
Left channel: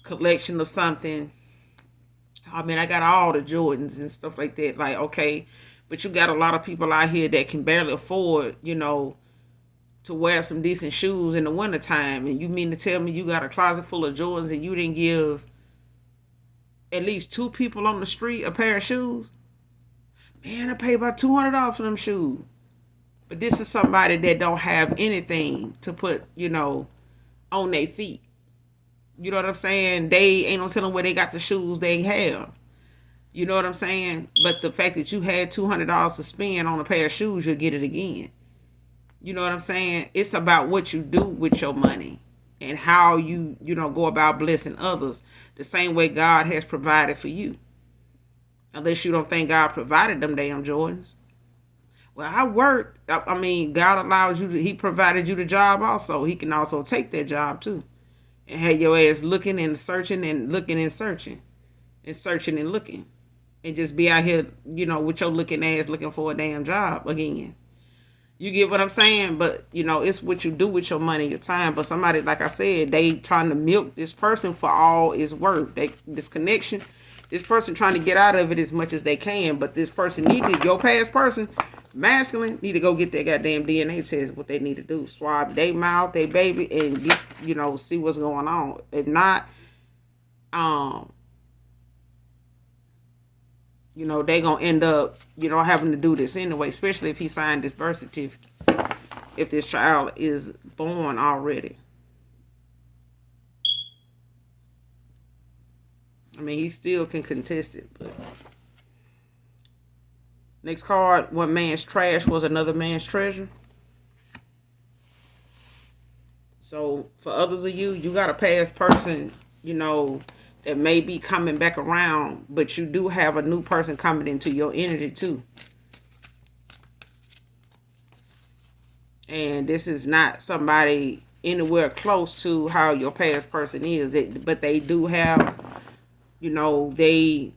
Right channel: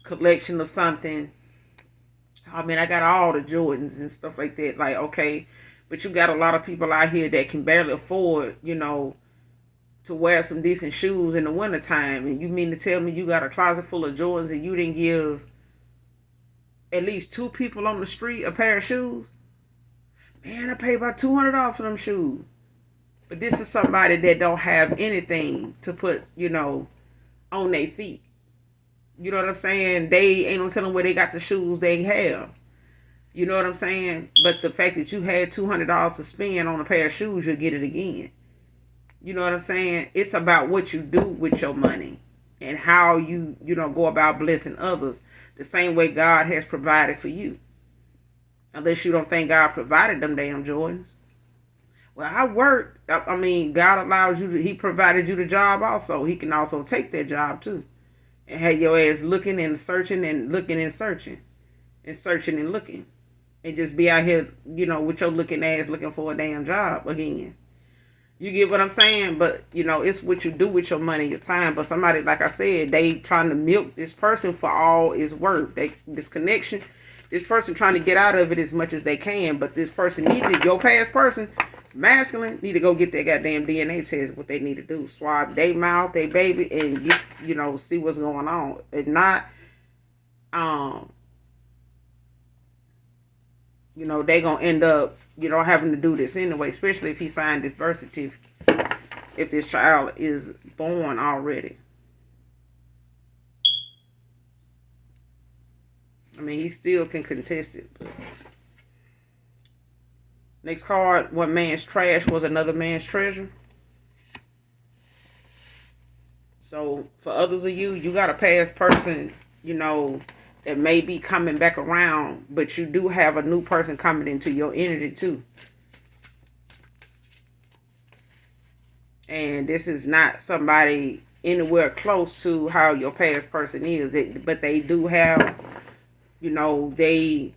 collection of something. I mean, I got all the Jordans and stuff like that. Like, okay, but you got a lot of people out here that can barely afford, to wear some decent shoes in the wintertime. And you mean to tell me you got a closet full of Jordans and you didn't give at least two people on the street a pair of shoes? Man, I paid about $200 for them shoes. But this is somebody that don't have anything to put, on their feet. You know what I'm saying? They ain't no telling where they got the shoes they have. You know what I'm saying? But the fact that you had $200 to spend on a pair of shoes, you'll get it again. You know what I'm saying? It's about what you do with your money and how you go about blessing others the same way God has provided for you. Unless you don't think God provided them damn Jordans. Well, I worked. I mean, God allows you He provided you the job also. He can also take that job too. And have your ass looking and searching and looking and searching. And searching and looking. And just be out here, with your looking ass looking for a damn job again. You get what I'm saying? But, it's what you do with your money, your time. But somebody, like I said, they trying to milk this person for all it's worth. This connection, this person trying to get out of it as much as they can. But this person your past person, masculine, need to go get their goddamn DNA test. What they need to do. Swab their mouth, their baby, and, see what's going on. If not, they gonna end up, having to do this anyway, especially if he signed this birth certificate, if this child is born already. I mean, he still can contest it. But next card, one man's trash was another man's treasure. So for others of you, you got a past person, that may be coming back around, but you do have a new person coming into your energy too. And this is not somebody anywhere close to how your past person is, but they do have, they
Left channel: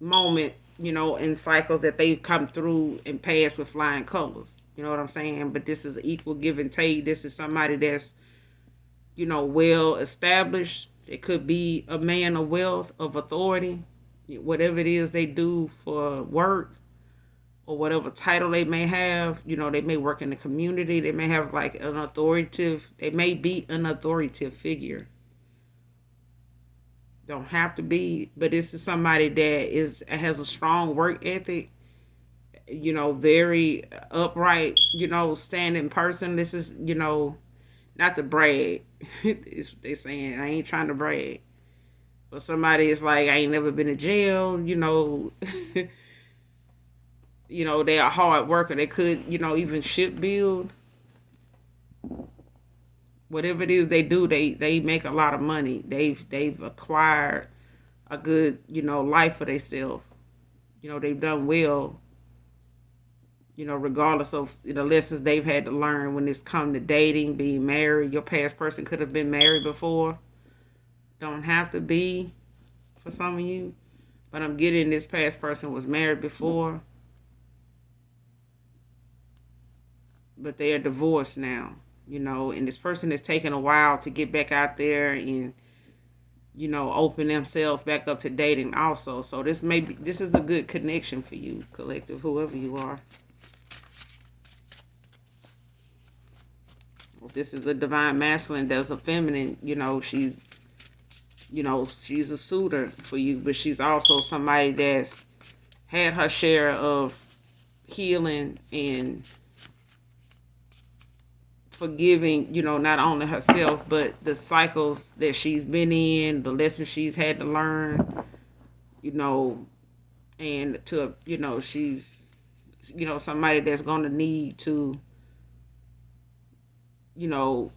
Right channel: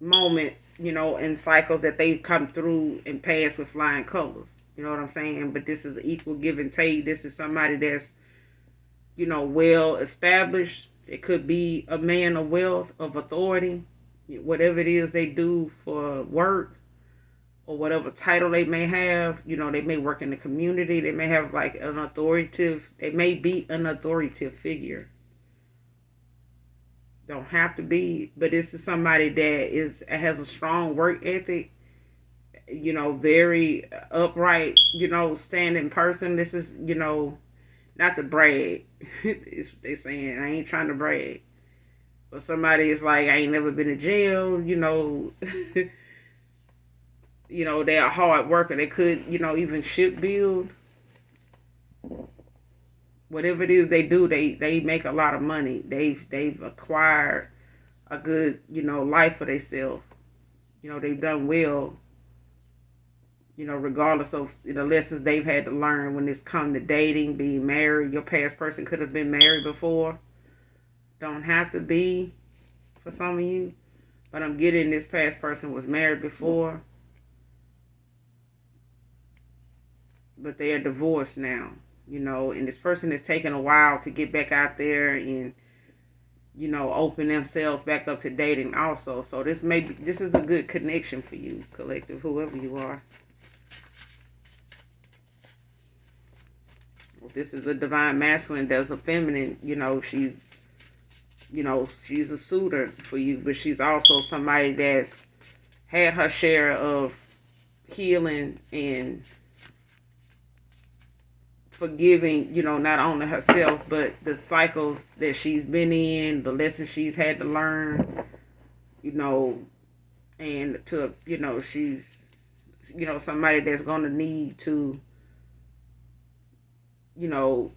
moment, in cycles that they've come through and passed with flying colors. You know what I'm saying? But this is equal give and take. This is somebody that's, well established. It could be a man of wealth, of authority, whatever it is they do for work or whatever title they may have. They may work in the community. They may have like they may be an authoritative figure. Don't have to be, but this is somebody that has a strong work ethic, very upright, standing person. This is, not to brag. They saying I ain't trying to brag. But somebody is like, I ain't never been to jail, they're a hard worker. They could, even ship build. Whatever it is they do, they make a lot of money. They've acquired a good, life for themselves. They've done well, regardless of the lessons they've had to learn when it's come to dating, being married. Your past person could have been married before. Don't have to be for some of you. But I'm getting this past person was married before. But they are divorced now, and this person is taking a while to get back out there and, open themselves back up to dating also. So this is a good connection for you, collective, whoever you are. If this is a divine masculine, there's a feminine, she's a suitor for you, but she's also somebody that's had her share of healing and forgiving, not only herself, but the cycles that she's been in, the lessons she's had to learn, and to, she's somebody that's going to need to, you know,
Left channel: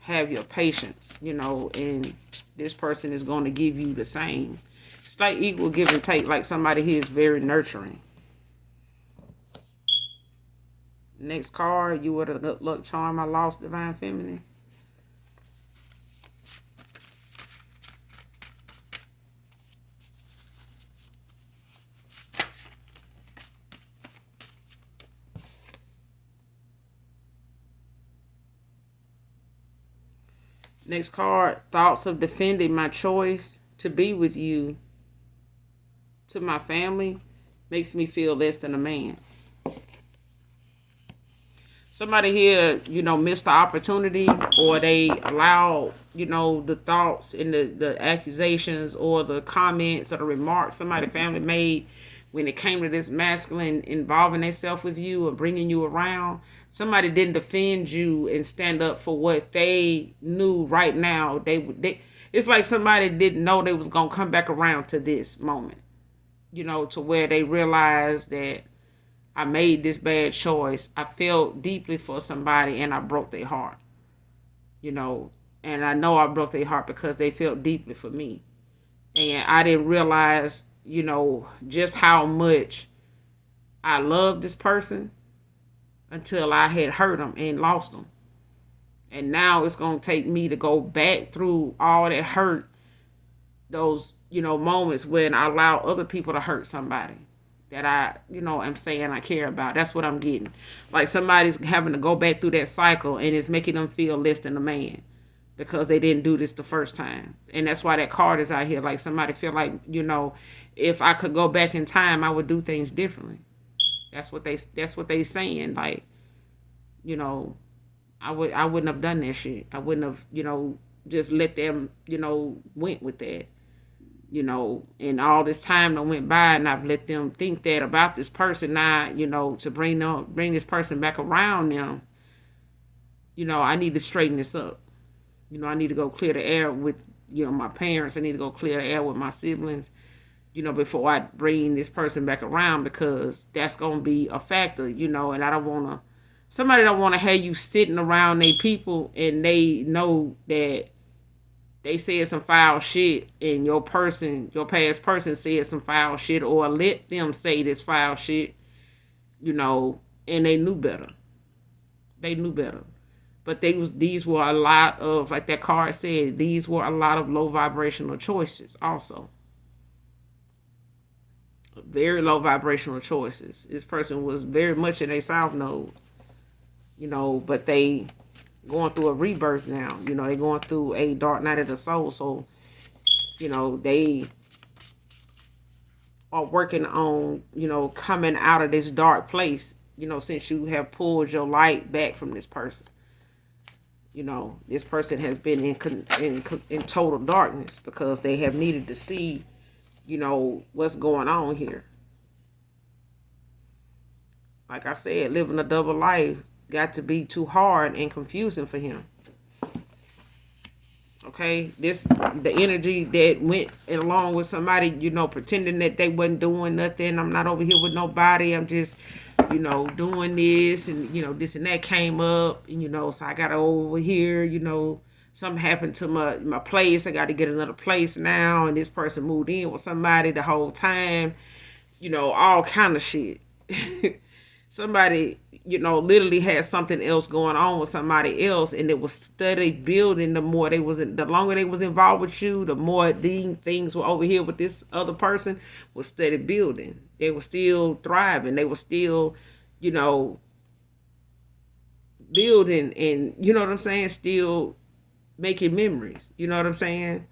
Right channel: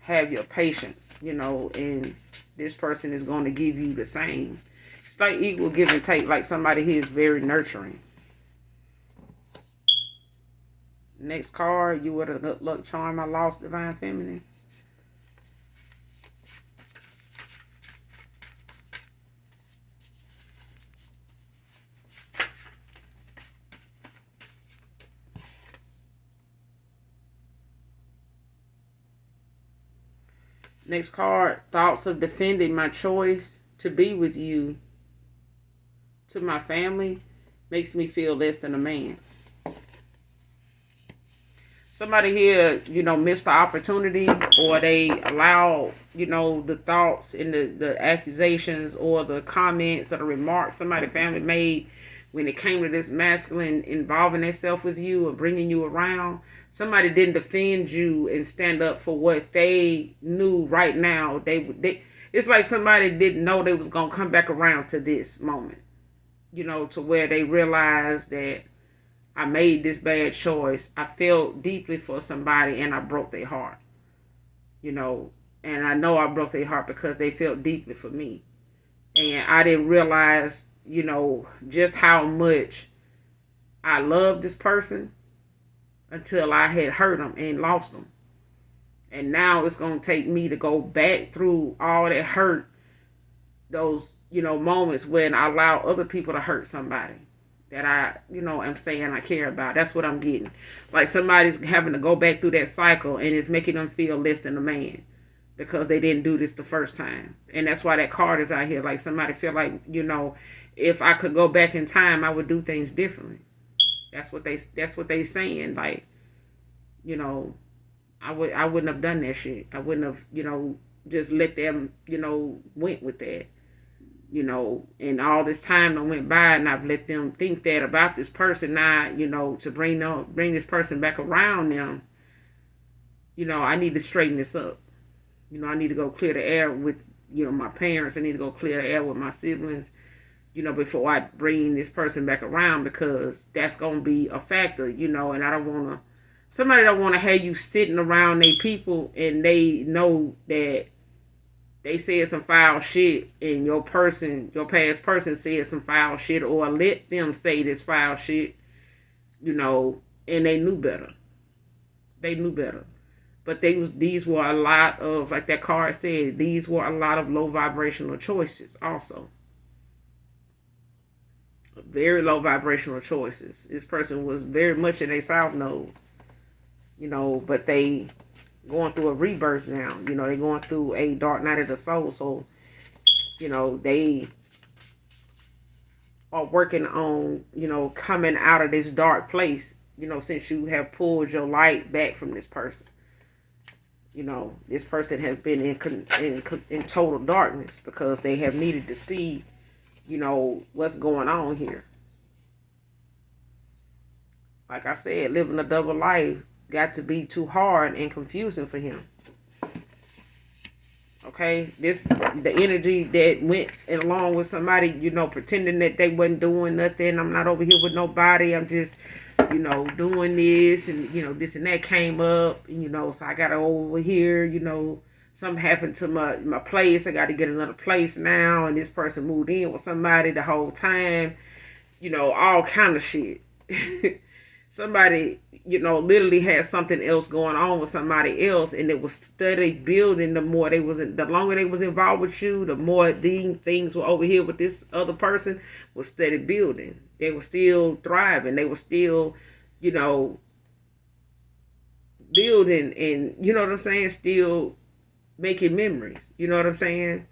have your patience, and this person is going to give you the same. It's like equal give and take, like somebody here is very nurturing. Next card, you were the good luck charm I lost, divine feminine. Next card, thoughts of defending my choice to be with you to my family makes me feel less than a man. Somebody here, missed the opportunity, or they allow, the thoughts and the accusations or the comments or the remarks somebody family made when it came to this masculine involving themselves with you or bringing you around. Somebody didn't defend you and stand up for what they knew right now. It's like somebody didn't know they was going to come back around to this moment, to where they realized that I made this bad choice. I felt deeply for somebody and I broke their heart. And I know I broke their heart because they felt deeply for me. And I didn't realize, just how much I loved this person until I had hurt them and lost them. And now it's going to take me to go back through all that hurt, those, moments when I allow other people to hurt somebody that I, am saying I care about. That's what I'm getting. Like somebody's having to go back through that cycle and it's making them feel less than a man because they didn't do this the first time. And that's why that card is out here. Like somebody feel like, if I could go back in time, I would do things differently. That's what they saying. Like, I wouldn't have done that shit. I wouldn't have, just let them, went with that. And all this time that went by and I've let them think that about this person now, to bring this person back around them, I need to straighten this up. I need to go clear the air with, my parents. I need to go clear the air with my siblings, before I bring this person back around, because that's going to be a factor, and I don't want to, somebody don't want to have you sitting around they people and they know that they said some foul shit and your past person said some foul shit, or let them say this foul shit, and they knew better. They knew better. But these were a lot of, like that card said, these were a lot of low vibrational choices also. Very low vibrational choices. This person was very much in a south node, but they going through a rebirth now. They're going through a dark night of the soul. So, they are working on, coming out of this dark place, since you have pulled your light back from this person. This person has been in total darkness because they have needed to see, what's going on here. Like I said, living a double life got to be too hard and confusing for him. Okay, the energy that went along with somebody, pretending that they wasn't doing nothing. I'm not over here with nobody. I'm just, doing this and, this and that came up, and, so I got over here, something happened to my place. I got to get another place now. And this person moved in with somebody the whole time, all kind of shit. Somebody, literally had something else going on with somebody else, and it was steady building. The longer they was involved with you, the more these things were over here with this other person was steady building. They were still thriving. They were still, building, and you know what I'm saying, still making memories. You know what I'm saying?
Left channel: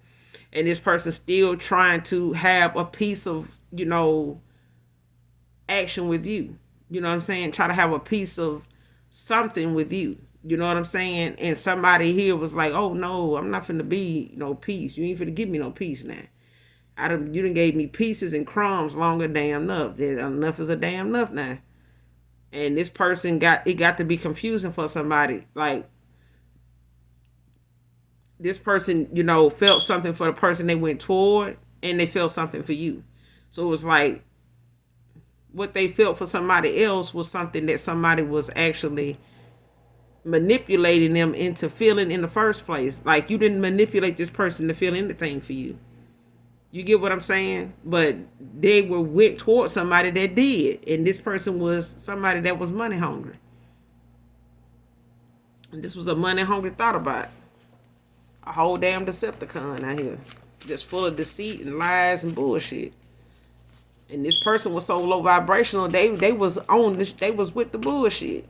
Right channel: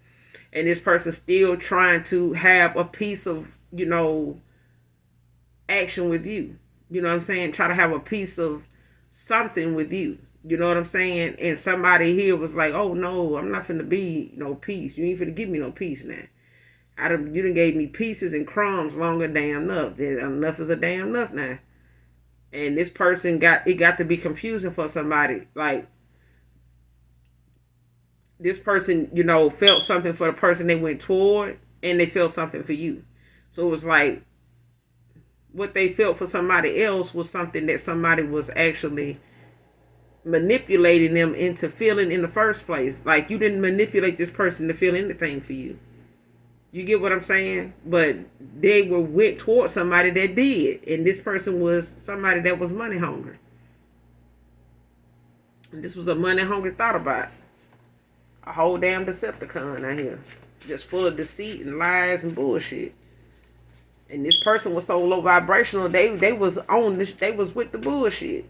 And this person still trying to have a piece of, action with you. You know what I'm saying? Try to have a piece of something with you. You know what I'm saying? And somebody here was like, oh no, I'm not finna be no peace. You ain't finna give me no peace now. You done gave me pieces and crumbs longer damn enough. Enough is a damn enough now. And this person got to be confusing for somebody. Like, this person, felt something for the person they went toward, and they felt something for you. So it was like, what they felt for somebody else was something that somebody was actually manipulating them into feeling in the first place. Like, you didn't manipulate this person to feel anything for you. You get what I'm saying? But they were went towards somebody that did, and this person was somebody that was money hungry. And this was a money hungry thought about a whole damn Decepticon out here, just full of deceit and lies and bullshit. And this person was so low vibrational, they was on this, they was with the bullshit.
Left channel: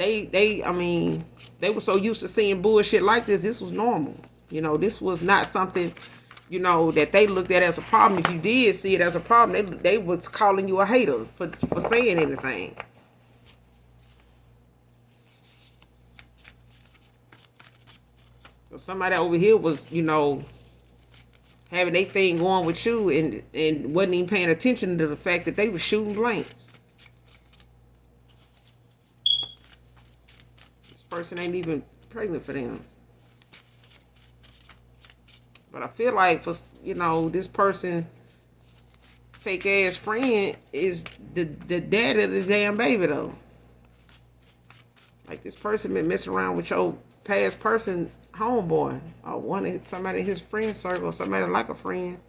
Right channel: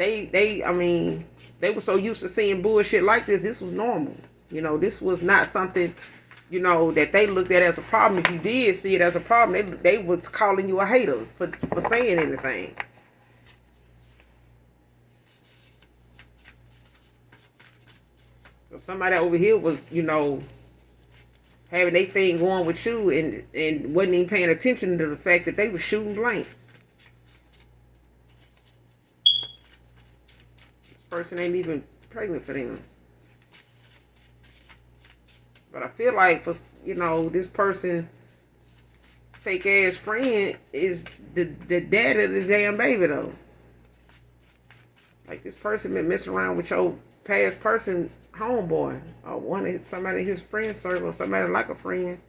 I mean, they were so used to seeing bullshit like this. This was normal. You know, this was not something, you know, that they looked at as a problem. If you did see it as a problem, they was calling you a hater for saying anything. Somebody over here was, you know, having their thing going with you and wasn't even paying attention to the fact that they were shooting blanks. This person ain't even pregnant for them. But I feel like, for, you know, this person, fake ass friend, is the dad of this damn baby though. Like, this person been messing around with your past person homeboy, or somebody in his friend circle, somebody like a friend.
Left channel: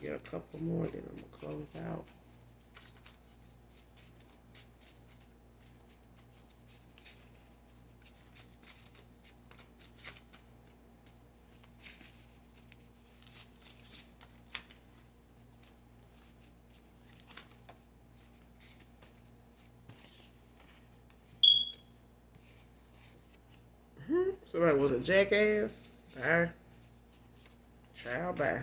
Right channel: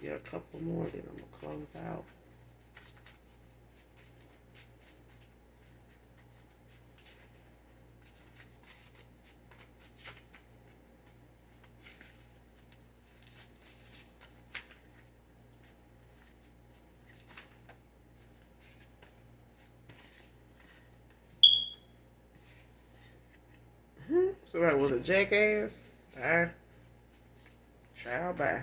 Get a couple more, then I'm gonna close out. Somebody was a jackass. Bye. Child, bye.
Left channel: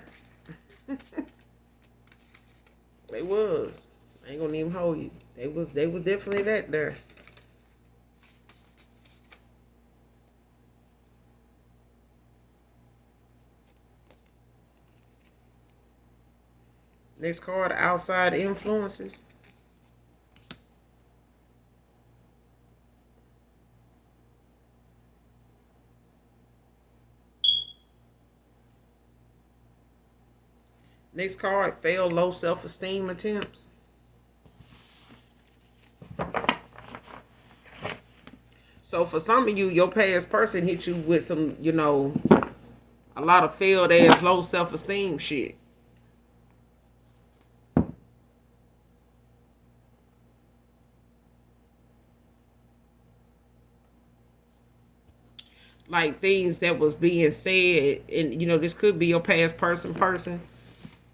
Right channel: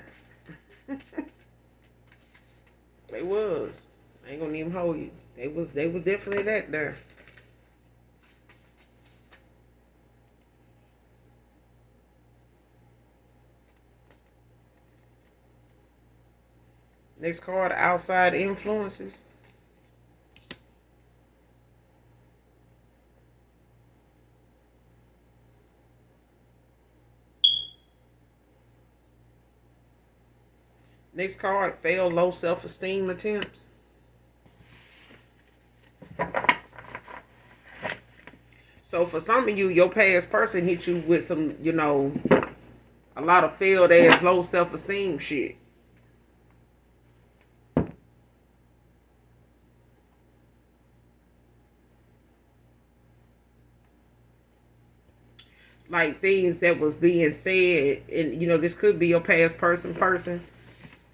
They was. I ain't gonna even hold you. They was definitely that there. Next card, outside influences. Next card, failed low self-esteem attempts. So for some of you, your past person hit you with some, you know, a lot of failed ass low self-esteem shit. Like, things that was being said, and you know, this could be your past person.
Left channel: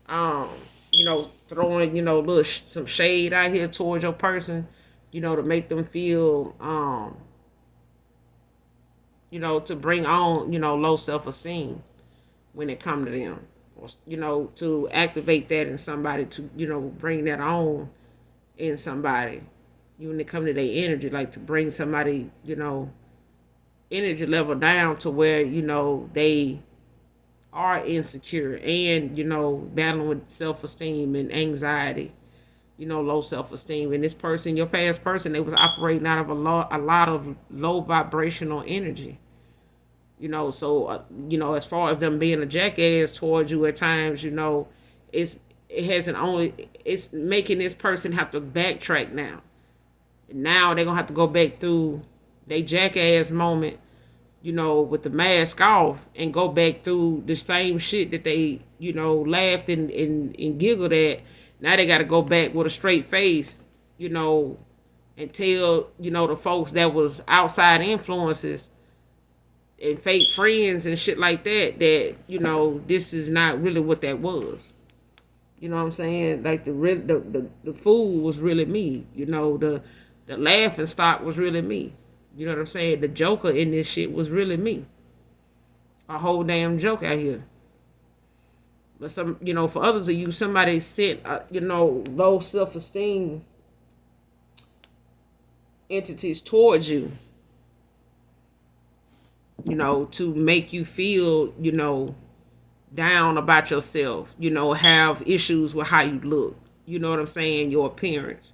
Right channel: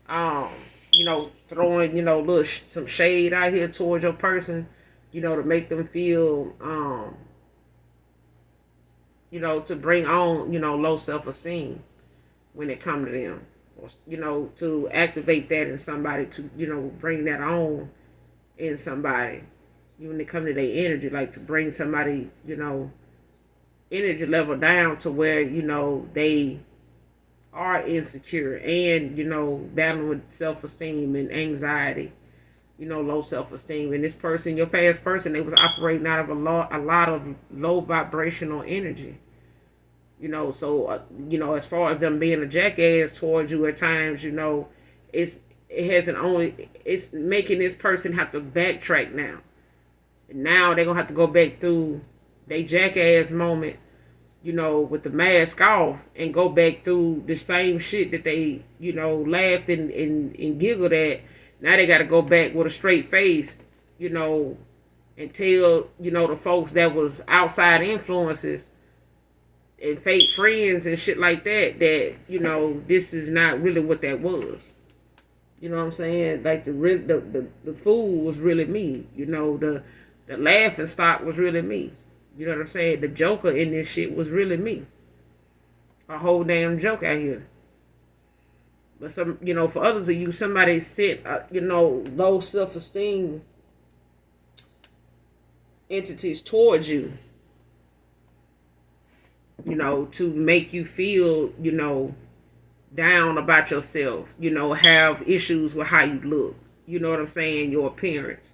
Um, you know, throwing, you know, some shade out here towards your person, you know, to make them feel, you know, to bring on, you know, low self-esteem when it come to them, or, you know, to activate that in somebody, to, you know, bring that on in somebody, when it come to their energy, like to bring somebody, you know, energy level down to where, you know, they are insecure and, you know, battling with self-esteem and anxiety, you know, low self-esteem. And this person, your past person, they was operating out of a lot of low vibrational energy, you know. So you know, as far as them being a jackass towards you at times, you know, it's making this person have to backtrack now. Now they're gonna have to go back through they jackass moment, you know, with the mask off, and go back through the same shit that they, you know, laughed and giggled at. Now they got to go back with a straight face, you know, and tell, you know, the folks that was outside influences and fake friends and shit like that, that, you know, this is not really what that was. You know what I'm saying? Like, the fool was really me. You know, the laughing stock was really me. You know what I'm saying? The joker in this shit was really me. A whole damn joke out here. But some, you know, for others of you, somebody sent, you know, low self-esteem entities towards you. to make you feel, down about yourself, have issues with how you look, you know what I'm saying, your appearance.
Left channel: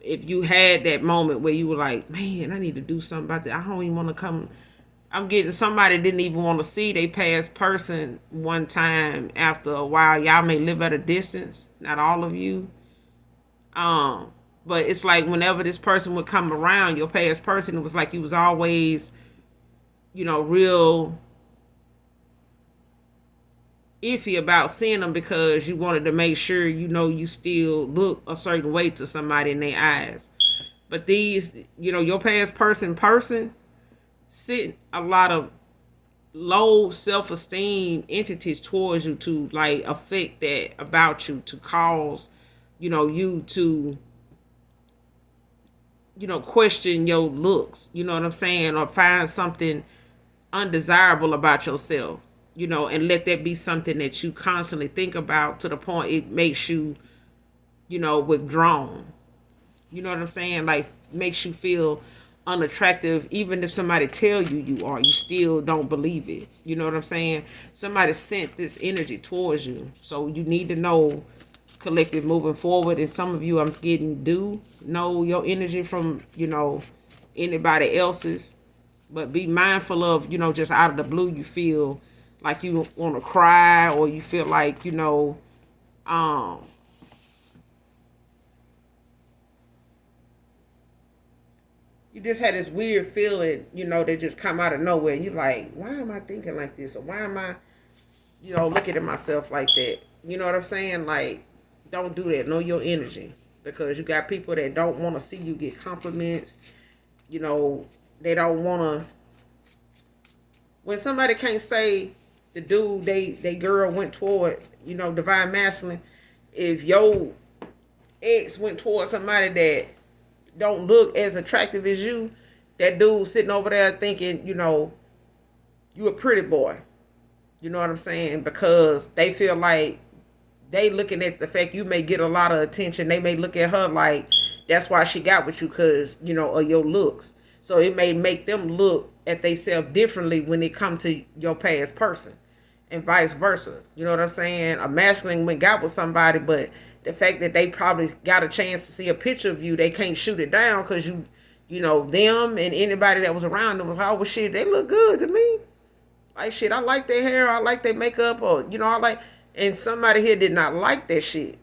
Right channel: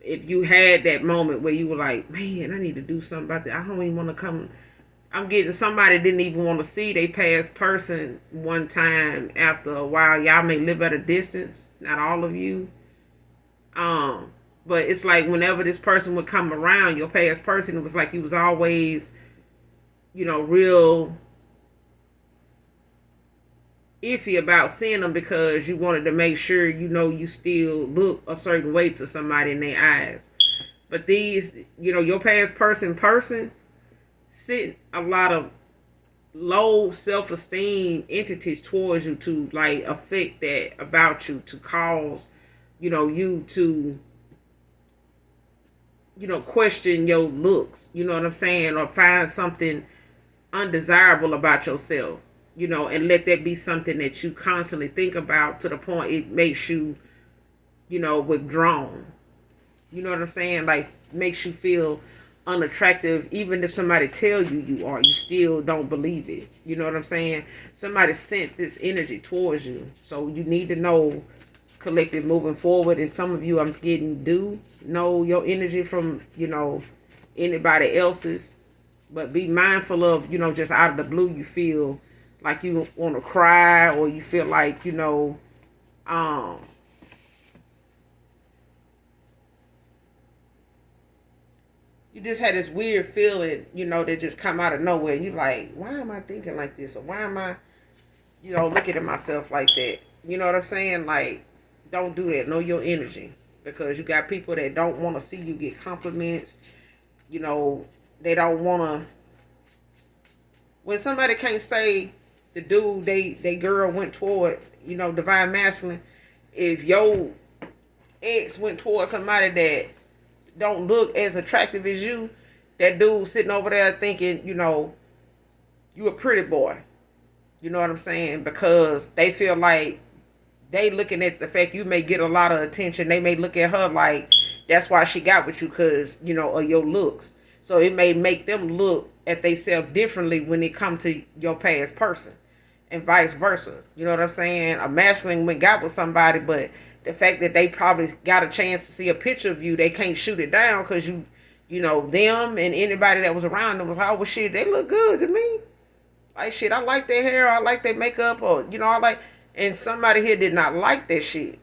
If you had that moment where you were like, man, I need to do something about that. I don't even want to come. I'm getting somebody didn't even want to see they past person one time after a while. Y'all may live at a distance, not all of you. Um, but it's like whenever this person would come around, your past person, it was like you was always, real iffy about seeing them because you wanted to make sure you still look a certain way to somebody in their eyes. But these, your past person sent a lot of low self-esteem entities towards you to like affect that about you, to cause you to question your looks, you know what I'm saying, or find something undesirable about yourself, and let that be something that you constantly think about to the point it makes you, withdrawn. You know what I'm saying? Like makes you feel unattractive. Even if somebody tell you you are, you still don't believe it. You know what I'm saying? Somebody sent this energy towards you. So you need to know, collective, moving forward. And some of you, I'm getting, do know your energy from, anybody else's. But be mindful of, just out of the blue, you feel like you want to cry, or you feel like, um, you just had this weird feeling, that just come out of nowhere. And you're like, why am I thinking like this? Or why am I, looking at myself like that? You know what I'm saying? Like, don't do that. Know your energy. Because you got people that don't want to see you get compliments. They don't want to. When somebody can't say the dude they girl went toward, divine masculine, if your ex went toward somebody that don't look as attractive as you, that dude sitting over there thinking, you a pretty boy. You know what I'm saying? Because they feel like they looking at the fact you may get a lot of attention. They may look at her like that's why she got with you, because, of your looks. So it may make them look at themselves differently when it come to your past person, and vice versa. You know what I'm saying? A masculine went got with somebody, but the fact that they probably got a chance to see a picture of you, they can't shoot it down because them and anybody that was around them was like, oh, well, shit, they look good to me. Like, shit, I like their hair, I like their makeup, or, I like, and somebody here did not like that shit.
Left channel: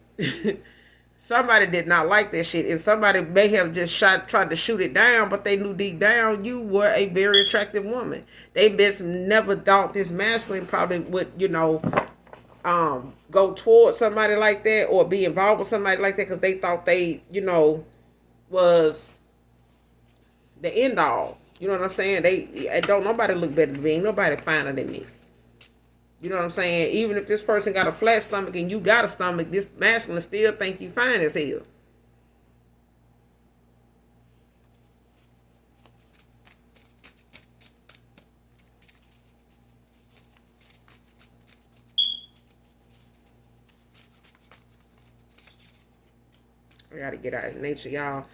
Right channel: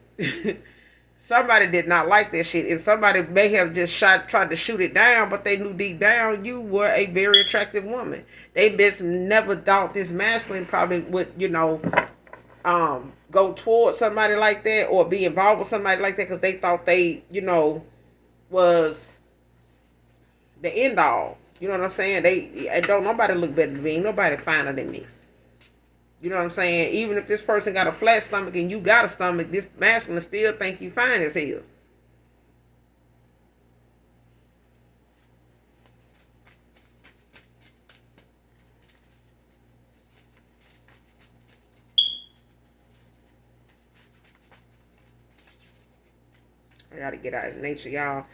Somebody did not like that shit, and somebody may have just tried to shoot it down, but they knew deep down you were a very attractive woman. They just never thought this masculine probably would, go towards somebody like that or be involved with somebody like that because they thought they, was the end all. You know what I'm saying? Don't nobody look better than me. Ain't nobody finer than me. You know what I'm saying? Even if this person got a flat stomach and you got a stomach, this masculine still think you fine as hell. I gotta get out of nature, y'all.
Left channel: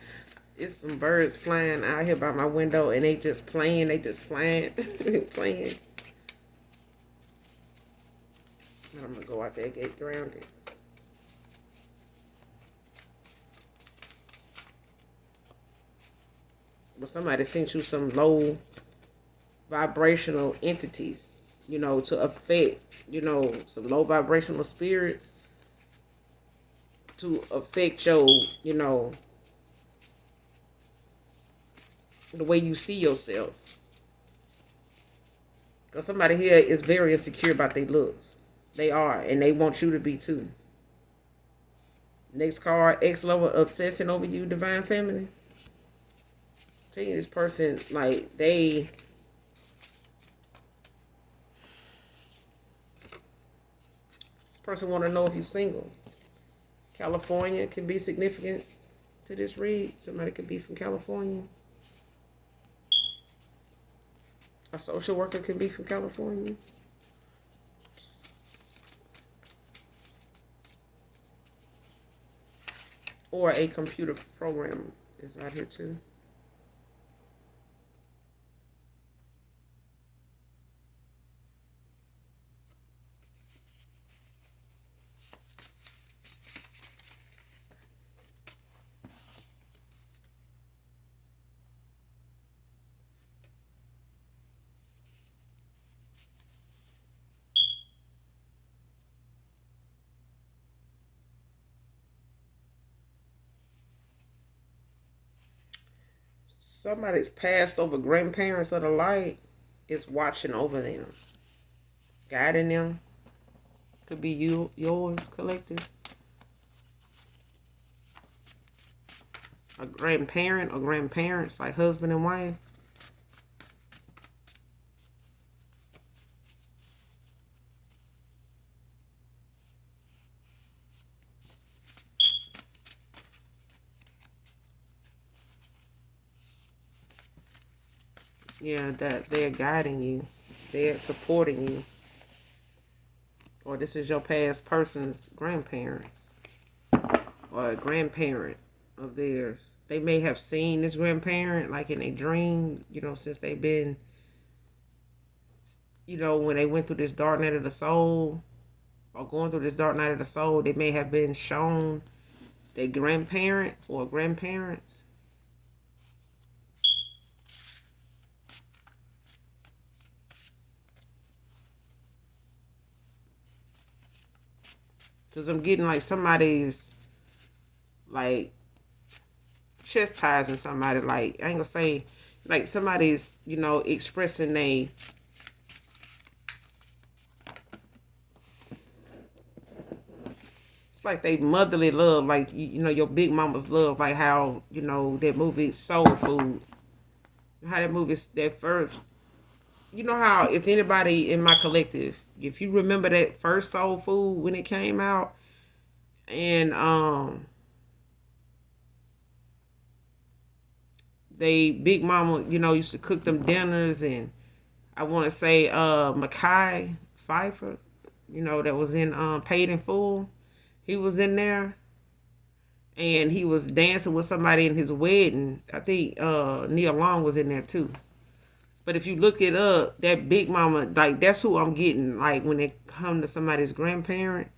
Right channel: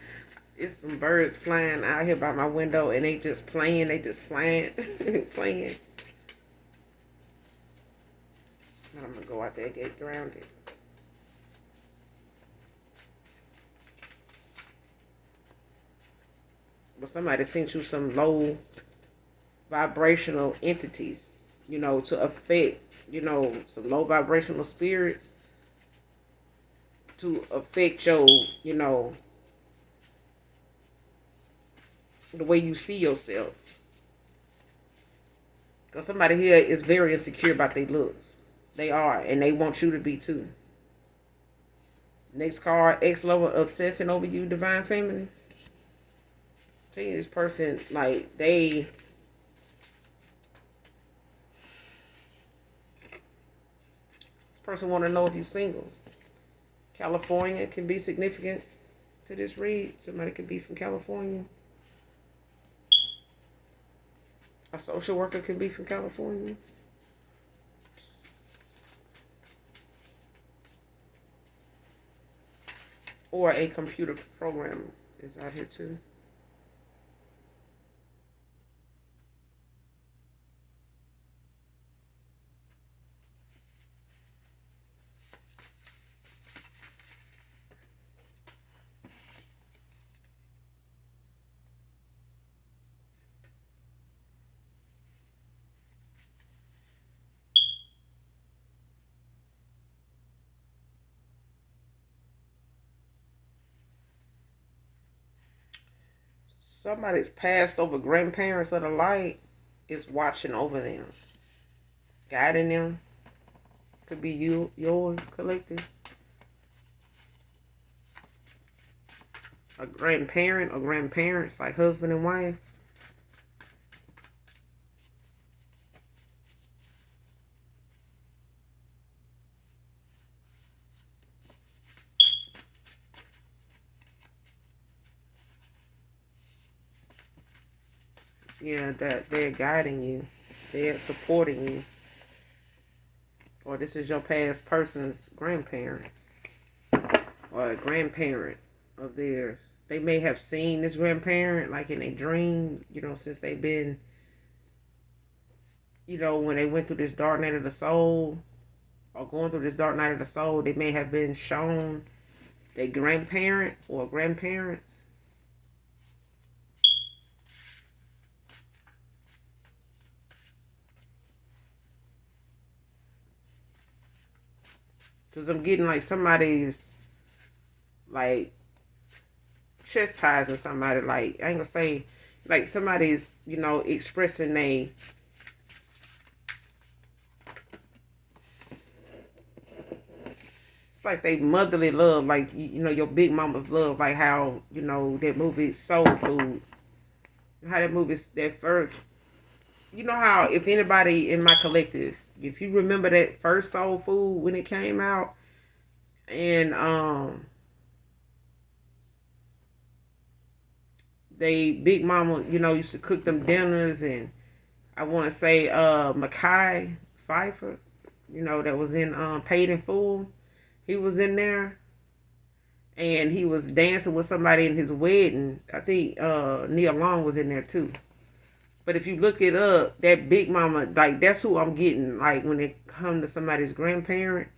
It's some birds flying out here by my window and they just playing. They just flying, playing. I'm gonna go out there and get grounded. But somebody sent you some low vibrational entities, to affect, some low vibrational spirits to affect your, the way you see yourself. Because somebody here is very insecure about their looks. They are, and they want you to be too. Next card, ex-lover obsessing over you, divine feminine. Tell you this person, like, this person want to know if you're single. California can be significant to this read. Somebody could be from California. A social worker could be from California. Or a computer programmer is out here too. Somebody's passed over grandparents of the light is watching over them, guiding them. Could be you, yours, collective. A grandparent or grandparents, like husband and wife. Yeah, that they're guiding you, they're supporting you, or this is your past person's grandparents or a grandparent of theirs. They may have seen this grandparent like in a dream, since they've been, when they went through this dark night of the soul or going through this dark night of the soul, they may have been shown their grandparent or grandparents. Because I'm getting like somebody's like chastising somebody. Like, I ain't gonna say like somebody's, expressing it's like they motherly love, like your big mama's love, like how that movie Soul Food, how that movie that first, how if anybody in my collective, if you remember that first Soul Food when it came out, and they big mama, used to cook them dinners, and I want to say Mackay Pfeiffer, that was in Paid in Full. He was in there, and he was dancing with somebody in his wedding. I think Nia Long was in there too. But if you look it up, that big mama, like that's who I'm getting. Like when it come to somebody's grandparent,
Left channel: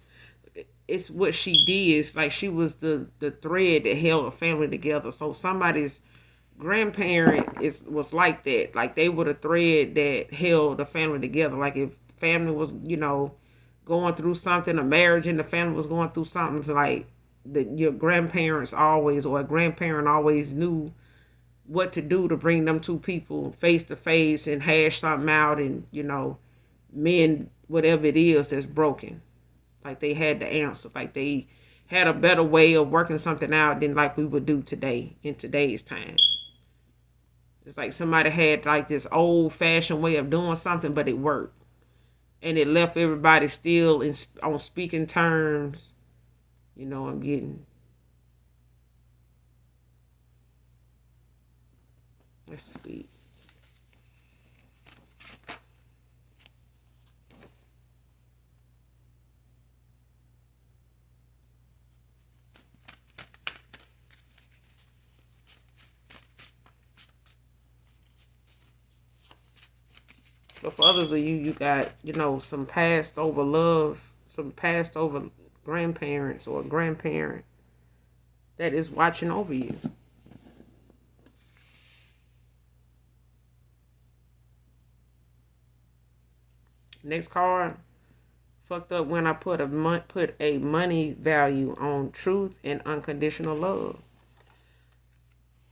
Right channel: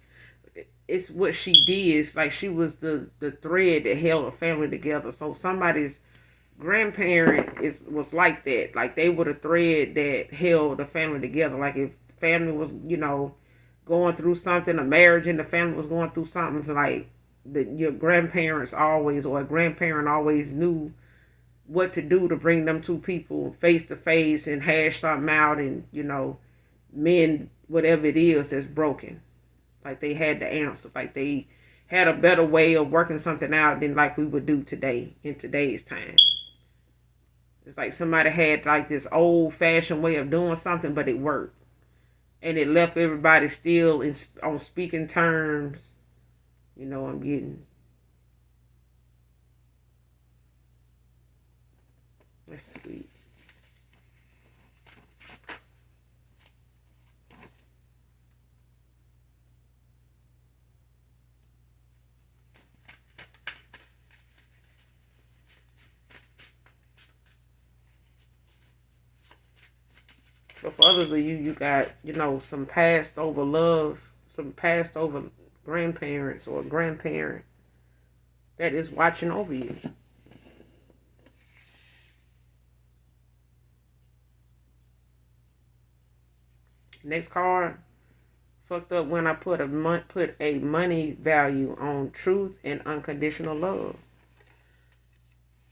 it's what she did. It's like she was the thread that held a family together. So somebody's grandparent was like that. Like they were the thread that held the family together. Like if family was, going through something, a marriage and the family was going through something, it's like your grandparents always, or a grandparent always knew what to do to bring them two people face to face and hash something out, and mend whatever it is that's broken. Like they had the answer. Like they had a better way of working something out than like we would do today in today's time. It's like somebody had like this old fashioned way of doing something, but it worked, and it left everybody still on speaking terms. I'm getting. That's sweet. But for others of you, you got, some passed over love, some passed over grandparents or grandparent that is watching over you. Next card. Fucked up when I put a money value on truth and unconditional love.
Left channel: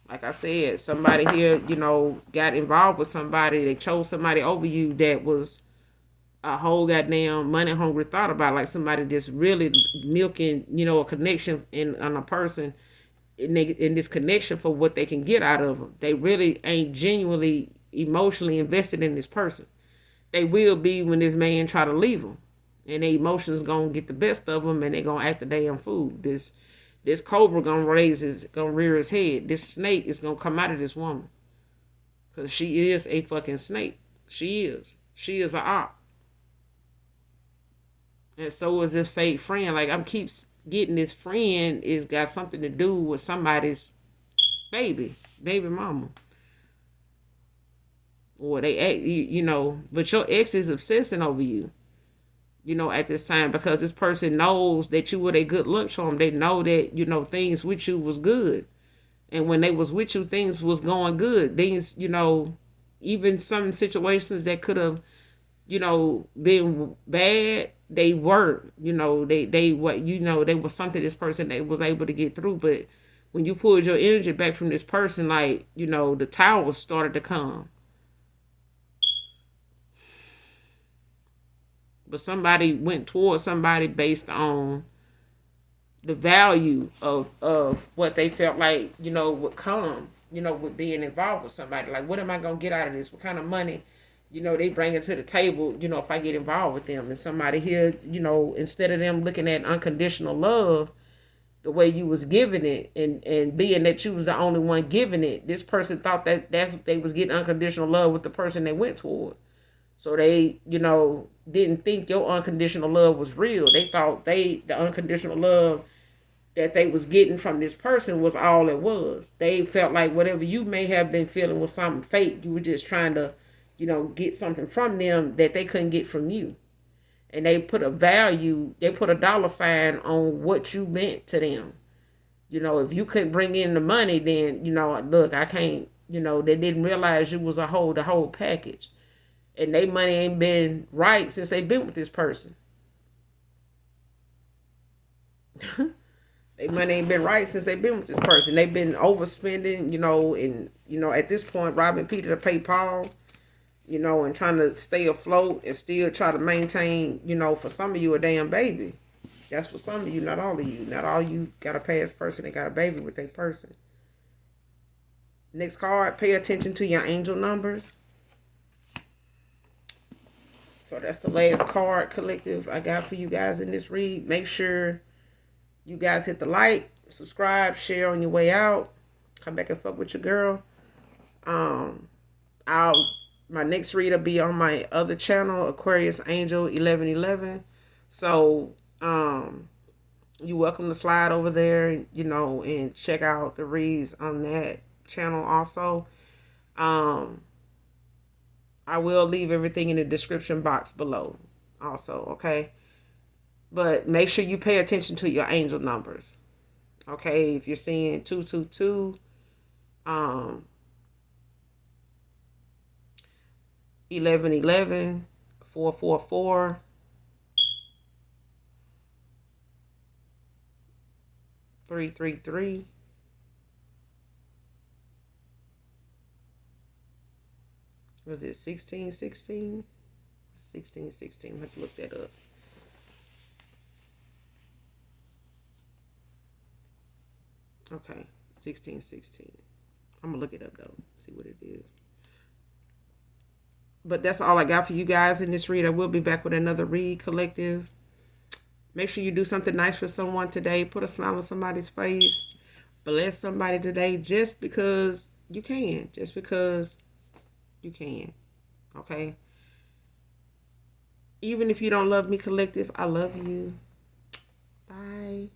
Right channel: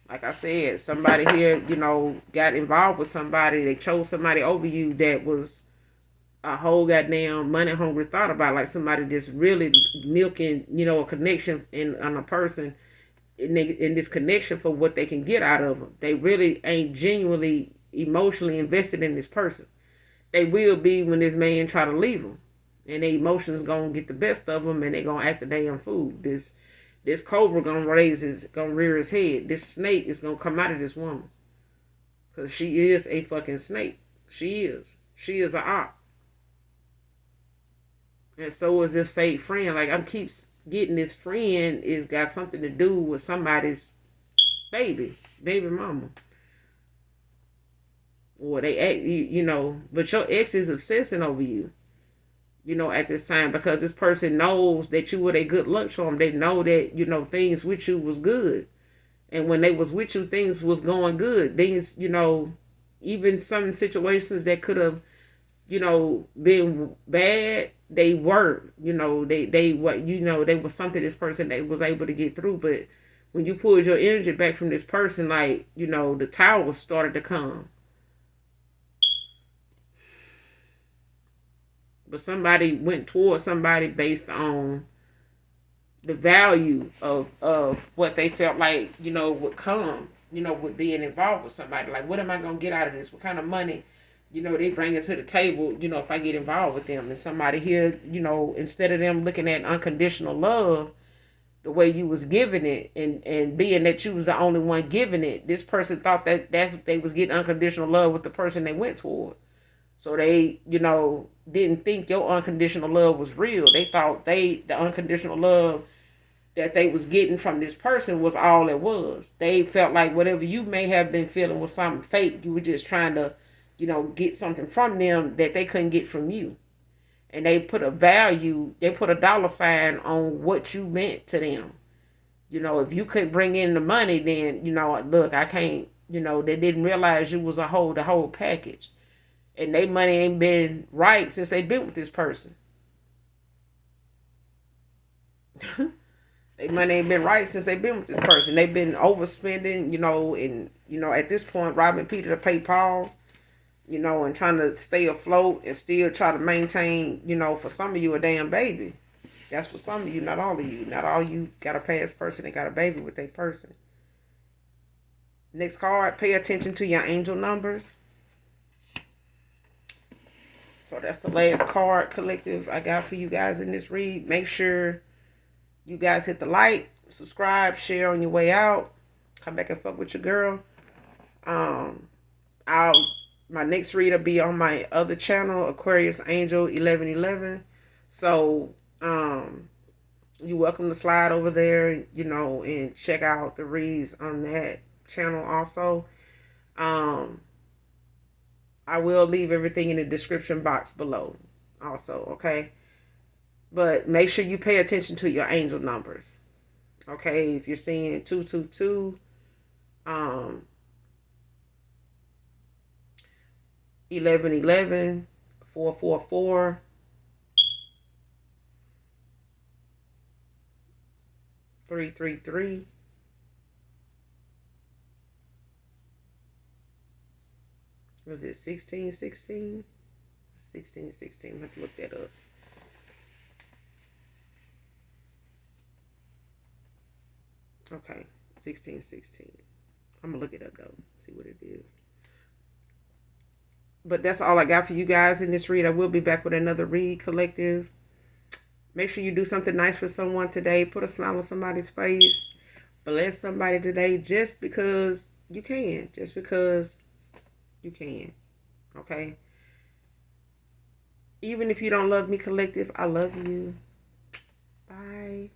Like I said, somebody here, got involved with somebody. They chose somebody over you that was a whole goddamn money hungry thought about. Like somebody just really milking, a connection in a person in this connection for what they can get out of them. They really ain't genuinely emotionally invested in this person. They will be when this man try to leave them, and their emotions gonna get the best of them, and they gonna act a damn fool. This cobra gonna rear his head. This snake is gonna come out of this woman, cause she is a fucking snake. She is. She is a op. And so is this fake friend. Like I'm keeps getting this friend is got something to do with somebody's baby mama. Or they act, but your ex is obsessing over you, at this time, because this person knows that you were a good luck charm. They know that, things with you was good. And when they was with you, things was going good. Things, even some situations that could have, been bad, they were, they what, they was something this person that was able to get through. But when you pulled your energy back from this person, like, you know, the towers started to come. But somebody went towards somebody based on the value of what they felt like, you know, would come, you know, with being involved with somebody. Like, what am I gonna get out of this? What kind of money, you know, they bring it to the table, you know, if I get involved with them. And somebody here, you know, instead of them looking at unconditional love the way you was giving it, and being that you was the only one giving it, this person thought that that's what they was getting unconditional love with the person they went toward. So they, you know, didn't think your unconditional love was real. They thought the unconditional love that they was getting from this person was all it was. They felt like whatever you may have been feeling was something fake. You were just trying to, you know, get something from them that they couldn't get from you. And they put a value, they put a dollar sign on what you meant to them. You know, if you couldn't bring in the money, then, you know, look, I can't, you know, they didn't realize you was the whole package. And they money ain't been right since they been with this person. They money ain't been right since they've been with this person. They've been overspending, you know, and, you know, at this point, robbing Peter to pay Paul, you know, and trying to stay afloat and still try to maintain, you know, for some of you, a damn baby. That's for some of you, not all of you. Not all of you got a past person that got a baby with that person. Next card, pay attention to your angel numbers. So that's the last card, collective, I got for you guys in this read. Make sure you guys hit the like, subscribe, share on your way out. Come back and fuck with your girl. My next read will be on my other channel, Aquarius Angel 1111. So you're welcome to slide over there, you know, and check out the reads on that channel also. I will leave everything in the description box below also, okay? But make sure you pay attention to your angel numbers. Okay, if you're seeing 222, 1111, 444, 333, was it 1616? 1616, I have to look that up. Okay, 1616. I'm gonna look it up though, see what it is. But that's all I got for you guys in this read. I will be back with another read, collective. Make sure you do something nice for someone today. Put a smile on somebody's face. Bless somebody today just because you can. Just because you can. Okay? Even if you don't love me, collective, I love you. Bye.